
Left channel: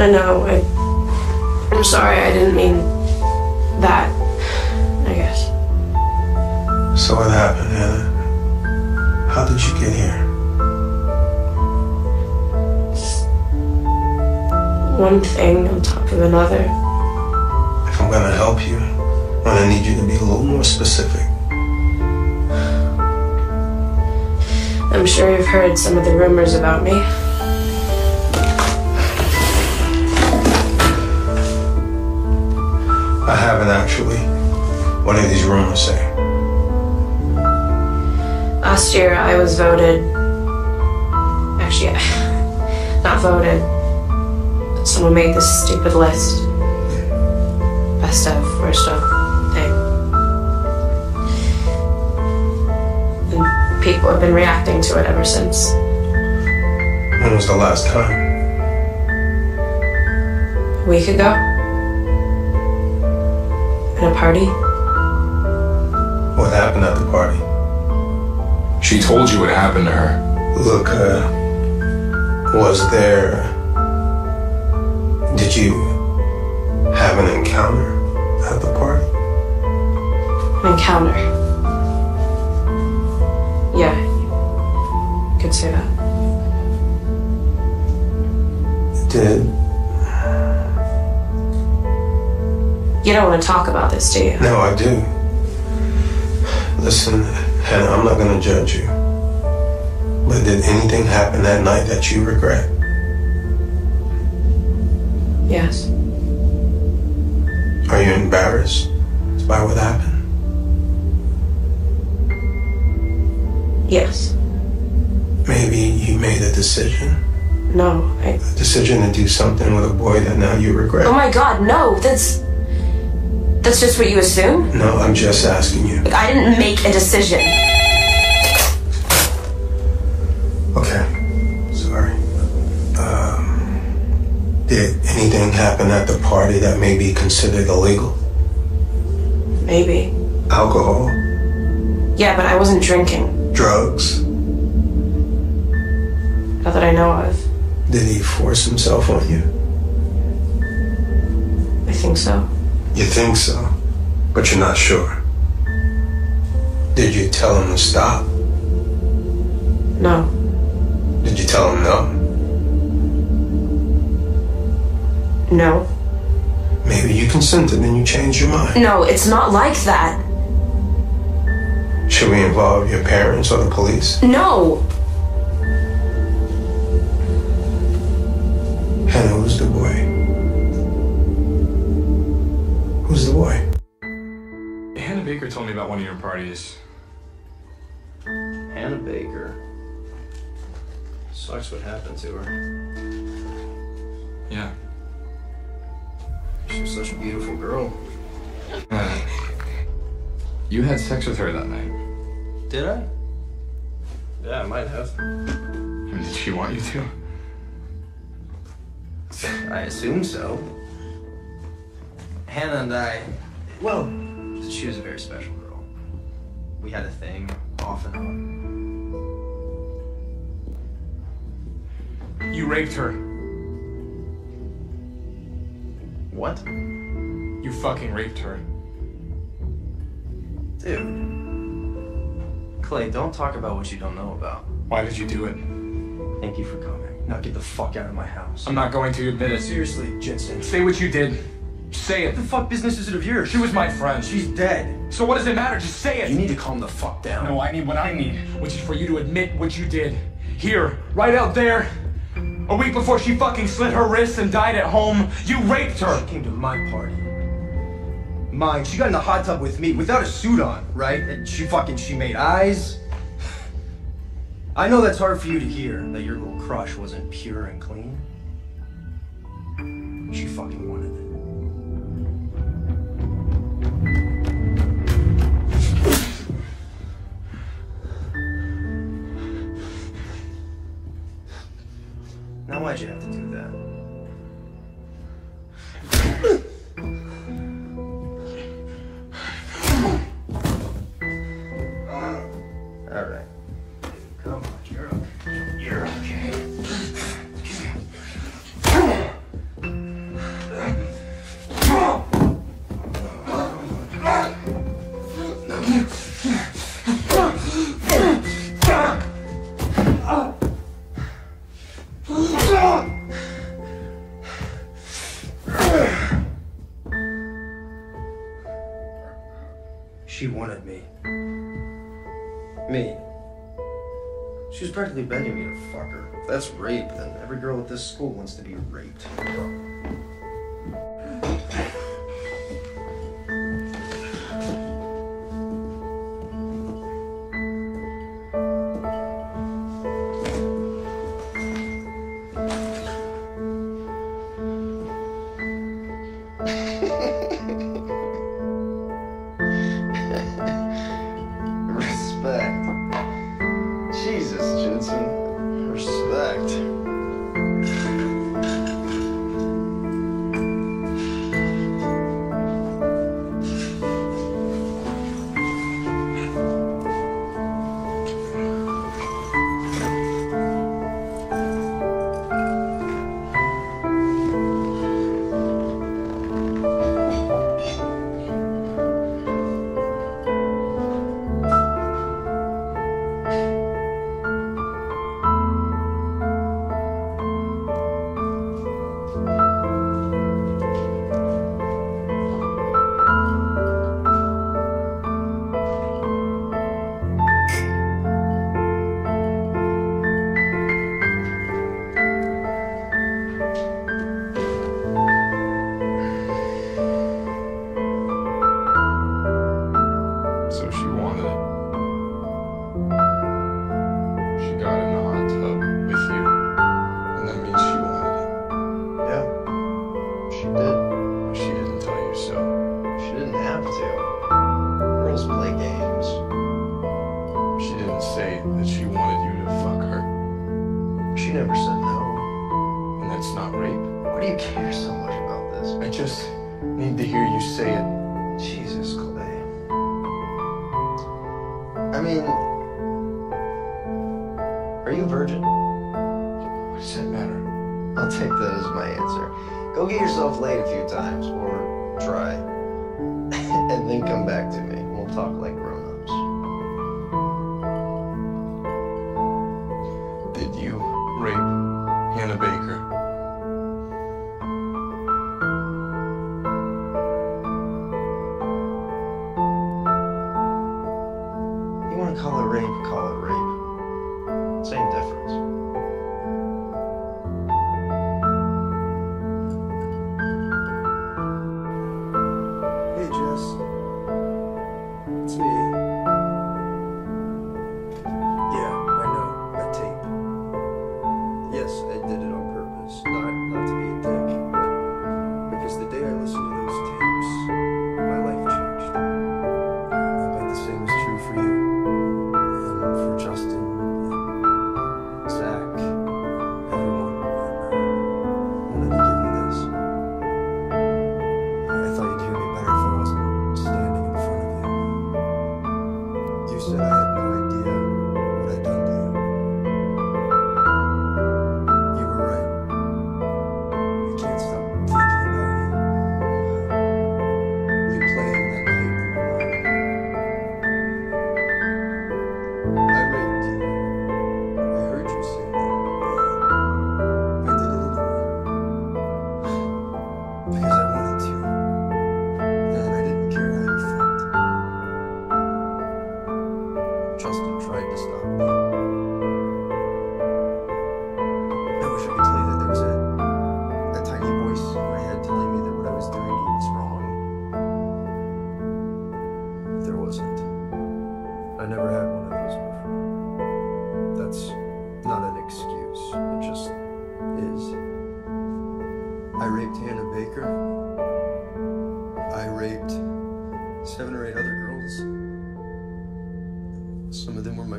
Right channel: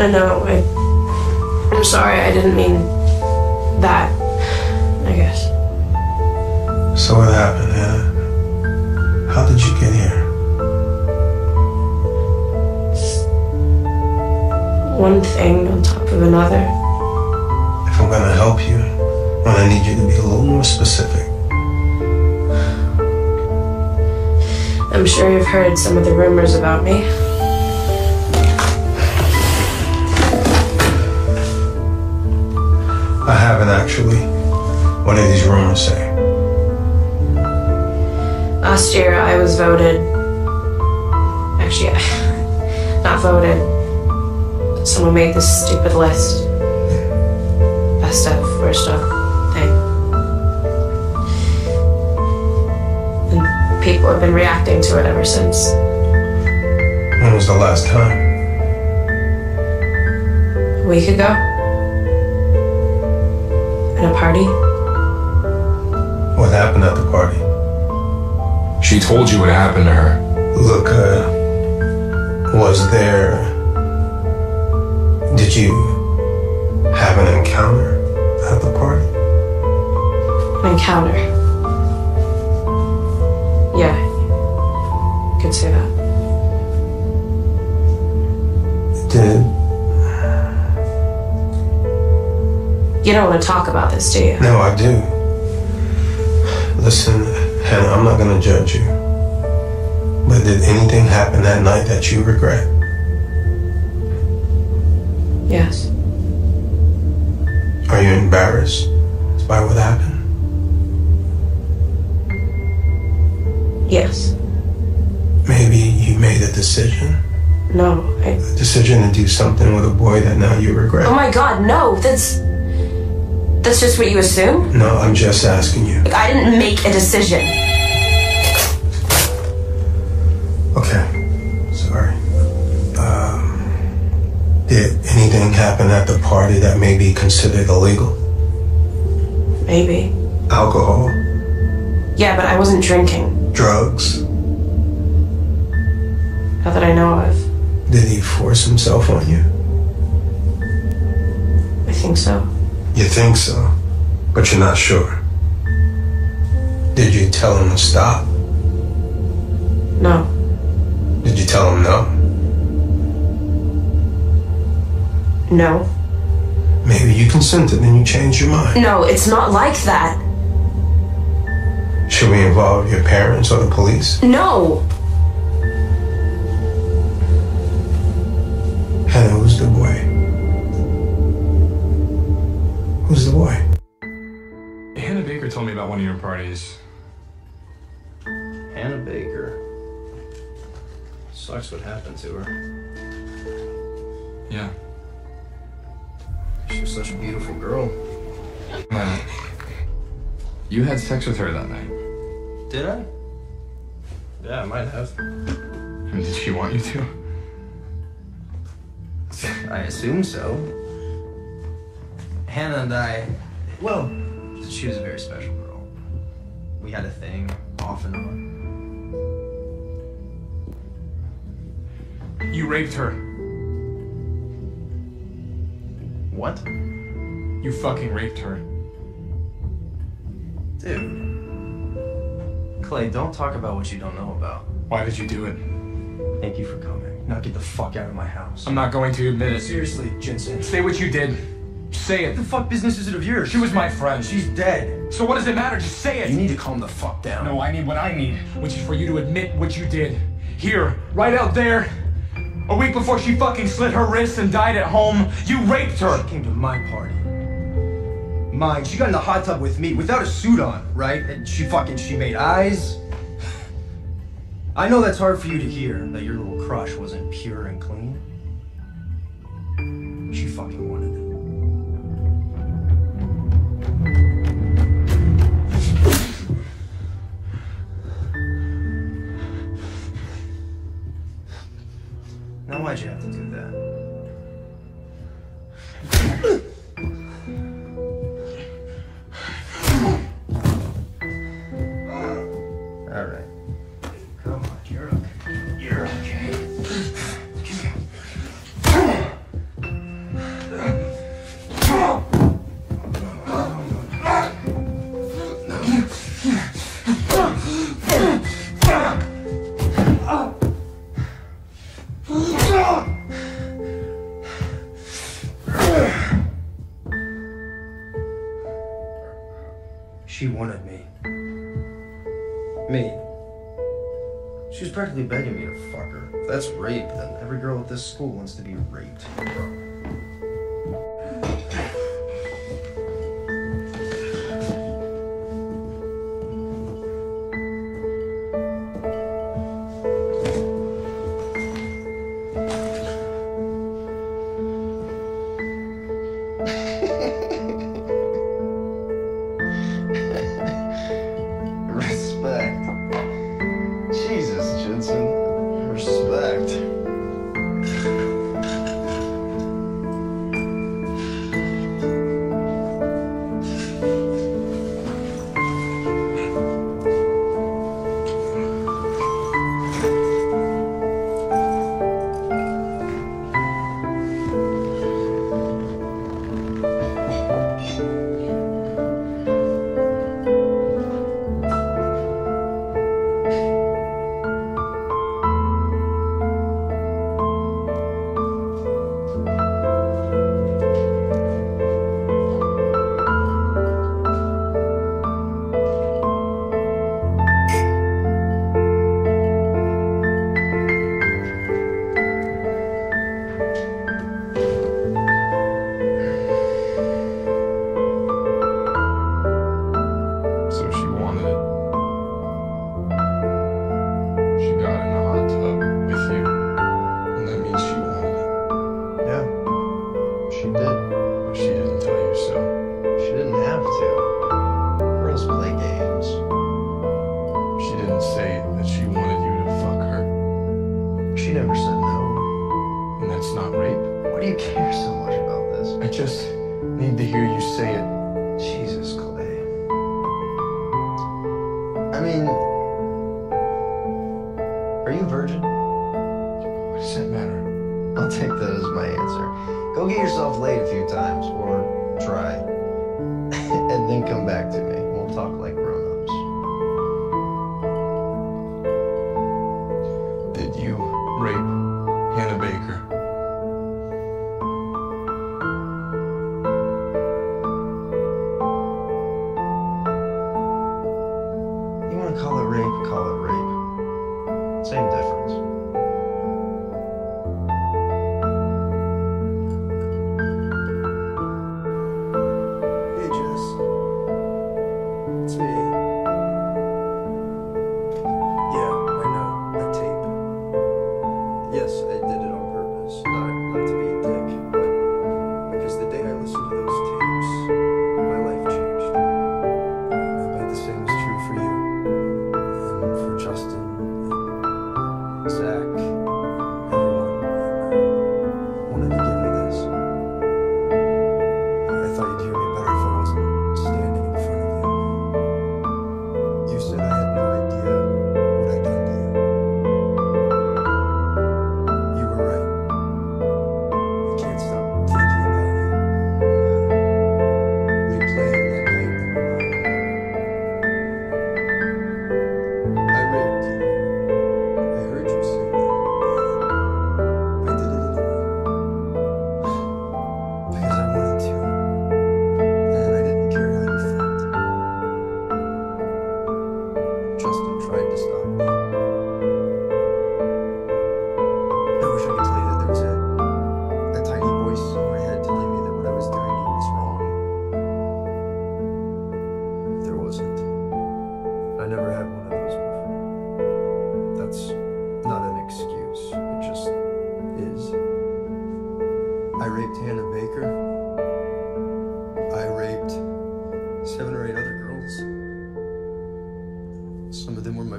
I know. I'm sorry. I didn't mean that. I guess. So what happened, Hannah? How did you get here? One thing on top of another. If I'm gonna help you, I need you to be a little more specific. I'm sure you've heard some of the rumors about me. I haven't actually. What do these rumors say? Last year I was voted... Actually, not voted. Someone made this stupid list. Best of, worst of thing. And people have been reacting to it ever since. When was the last time? A week ago. At a party. What happened at the party? She told you what happened to her. Look, was there... Did you have an encounter at the party? An encounter. Yeah. You could say that. Did... You don't want to talk about this, do you? No, I do. Listen, Hannah, I'm not gonna judge you. But did anything happen that night that you regret? Yes. Are you embarrassed by what happened? Yes. Maybe you made a decision? No, A decision to do something with a boy that now you regret? Oh my god, no, that's just what you assume? No, I'm just asking you. I didn't make a decision. Okay. Sorry. Did anything happen at the party that may be considered illegal? Maybe. Alcohol? Yeah, but I wasn't drinking. Drugs? Not that I know of. Did he force himself on you? I think so. You think so, but you're not sure. Did you tell him to stop? No. Did you tell him no? No. Maybe you consented and you changed your mind. No, it's not like that. Should we involve your parents or the police? No. Hannah, who's the boy? Who's the boy? Yeah, Hannah Baker told me about one of your parties. Hannah Baker. Sucks what happened to her. Yeah. She was such a beautiful girl. You had sex with her that night. Did I? Yeah, I might have. Did she want you to? I assume so. Hannah and I, well, she was a very special girl. We had a thing, off and on. You raped her. What? You fucking raped her. Dude. Clay, don't talk about what you don't know about. Why did you do it? Thank you for coming. Now get the fuck out of my house. I'm not going to admit it. Seriously, Jensen. Say what you did. Say it. What the fuck business is it of yours? She was my friend. She's dead. So what does it matter? Just say it. You need to calm the fuck down. No, I need what I need, which is for you to admit what you did. Here, right out there. A week before she fucking slit her wrists and died at home, you raped her. She came to my party. Mine. She got in the hot tub with me without a suit on, right? And she made eyes. I know that's hard for you to hear, that your little crush wasn't pure and clean. She fucking wanted it. Now why'd you have to do that? All right. Come on, you're okay. You're okay. practically begging me to fuck her. If that's rape, then every girl at this school wants to be raped.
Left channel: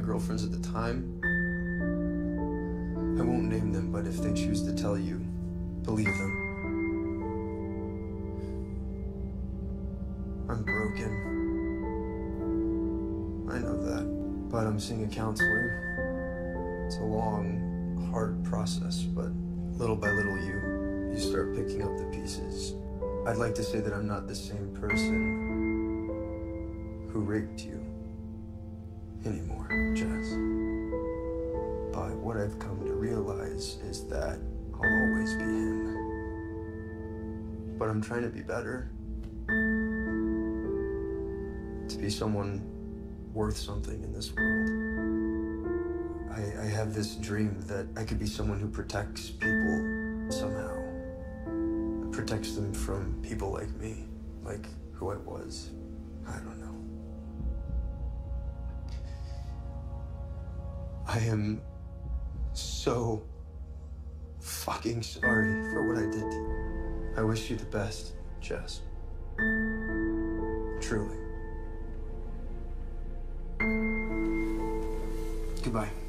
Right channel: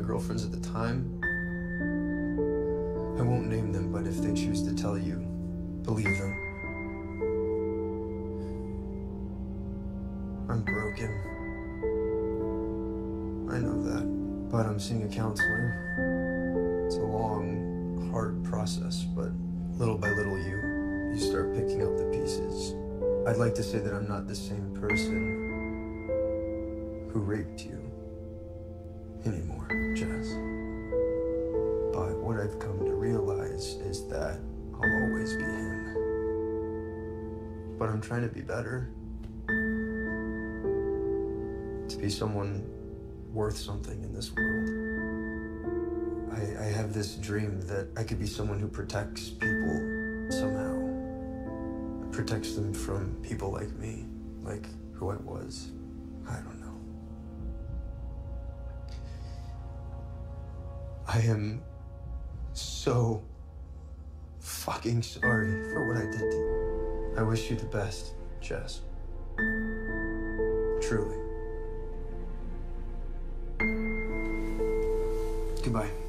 Girlfriends at the time. I won't name them, but if they choose to tell you, believe them. I'm broken. I know that, but I'm seeing a counselor. It's a long, hard process, but little by little you start picking up the pieces. I'd like to say that I'm not the same person who raped you anymore, Jess. But what I've come to realize is that I'll always be him. But I'm trying to be better. To be someone worth something in this world. I have have this dream that I could be someone who protects people somehow. Protects them from people like me, like who I was. I don't know. I am so fucking sorry for what I did to you. I wish you the best, Jess. Truly. Goodbye.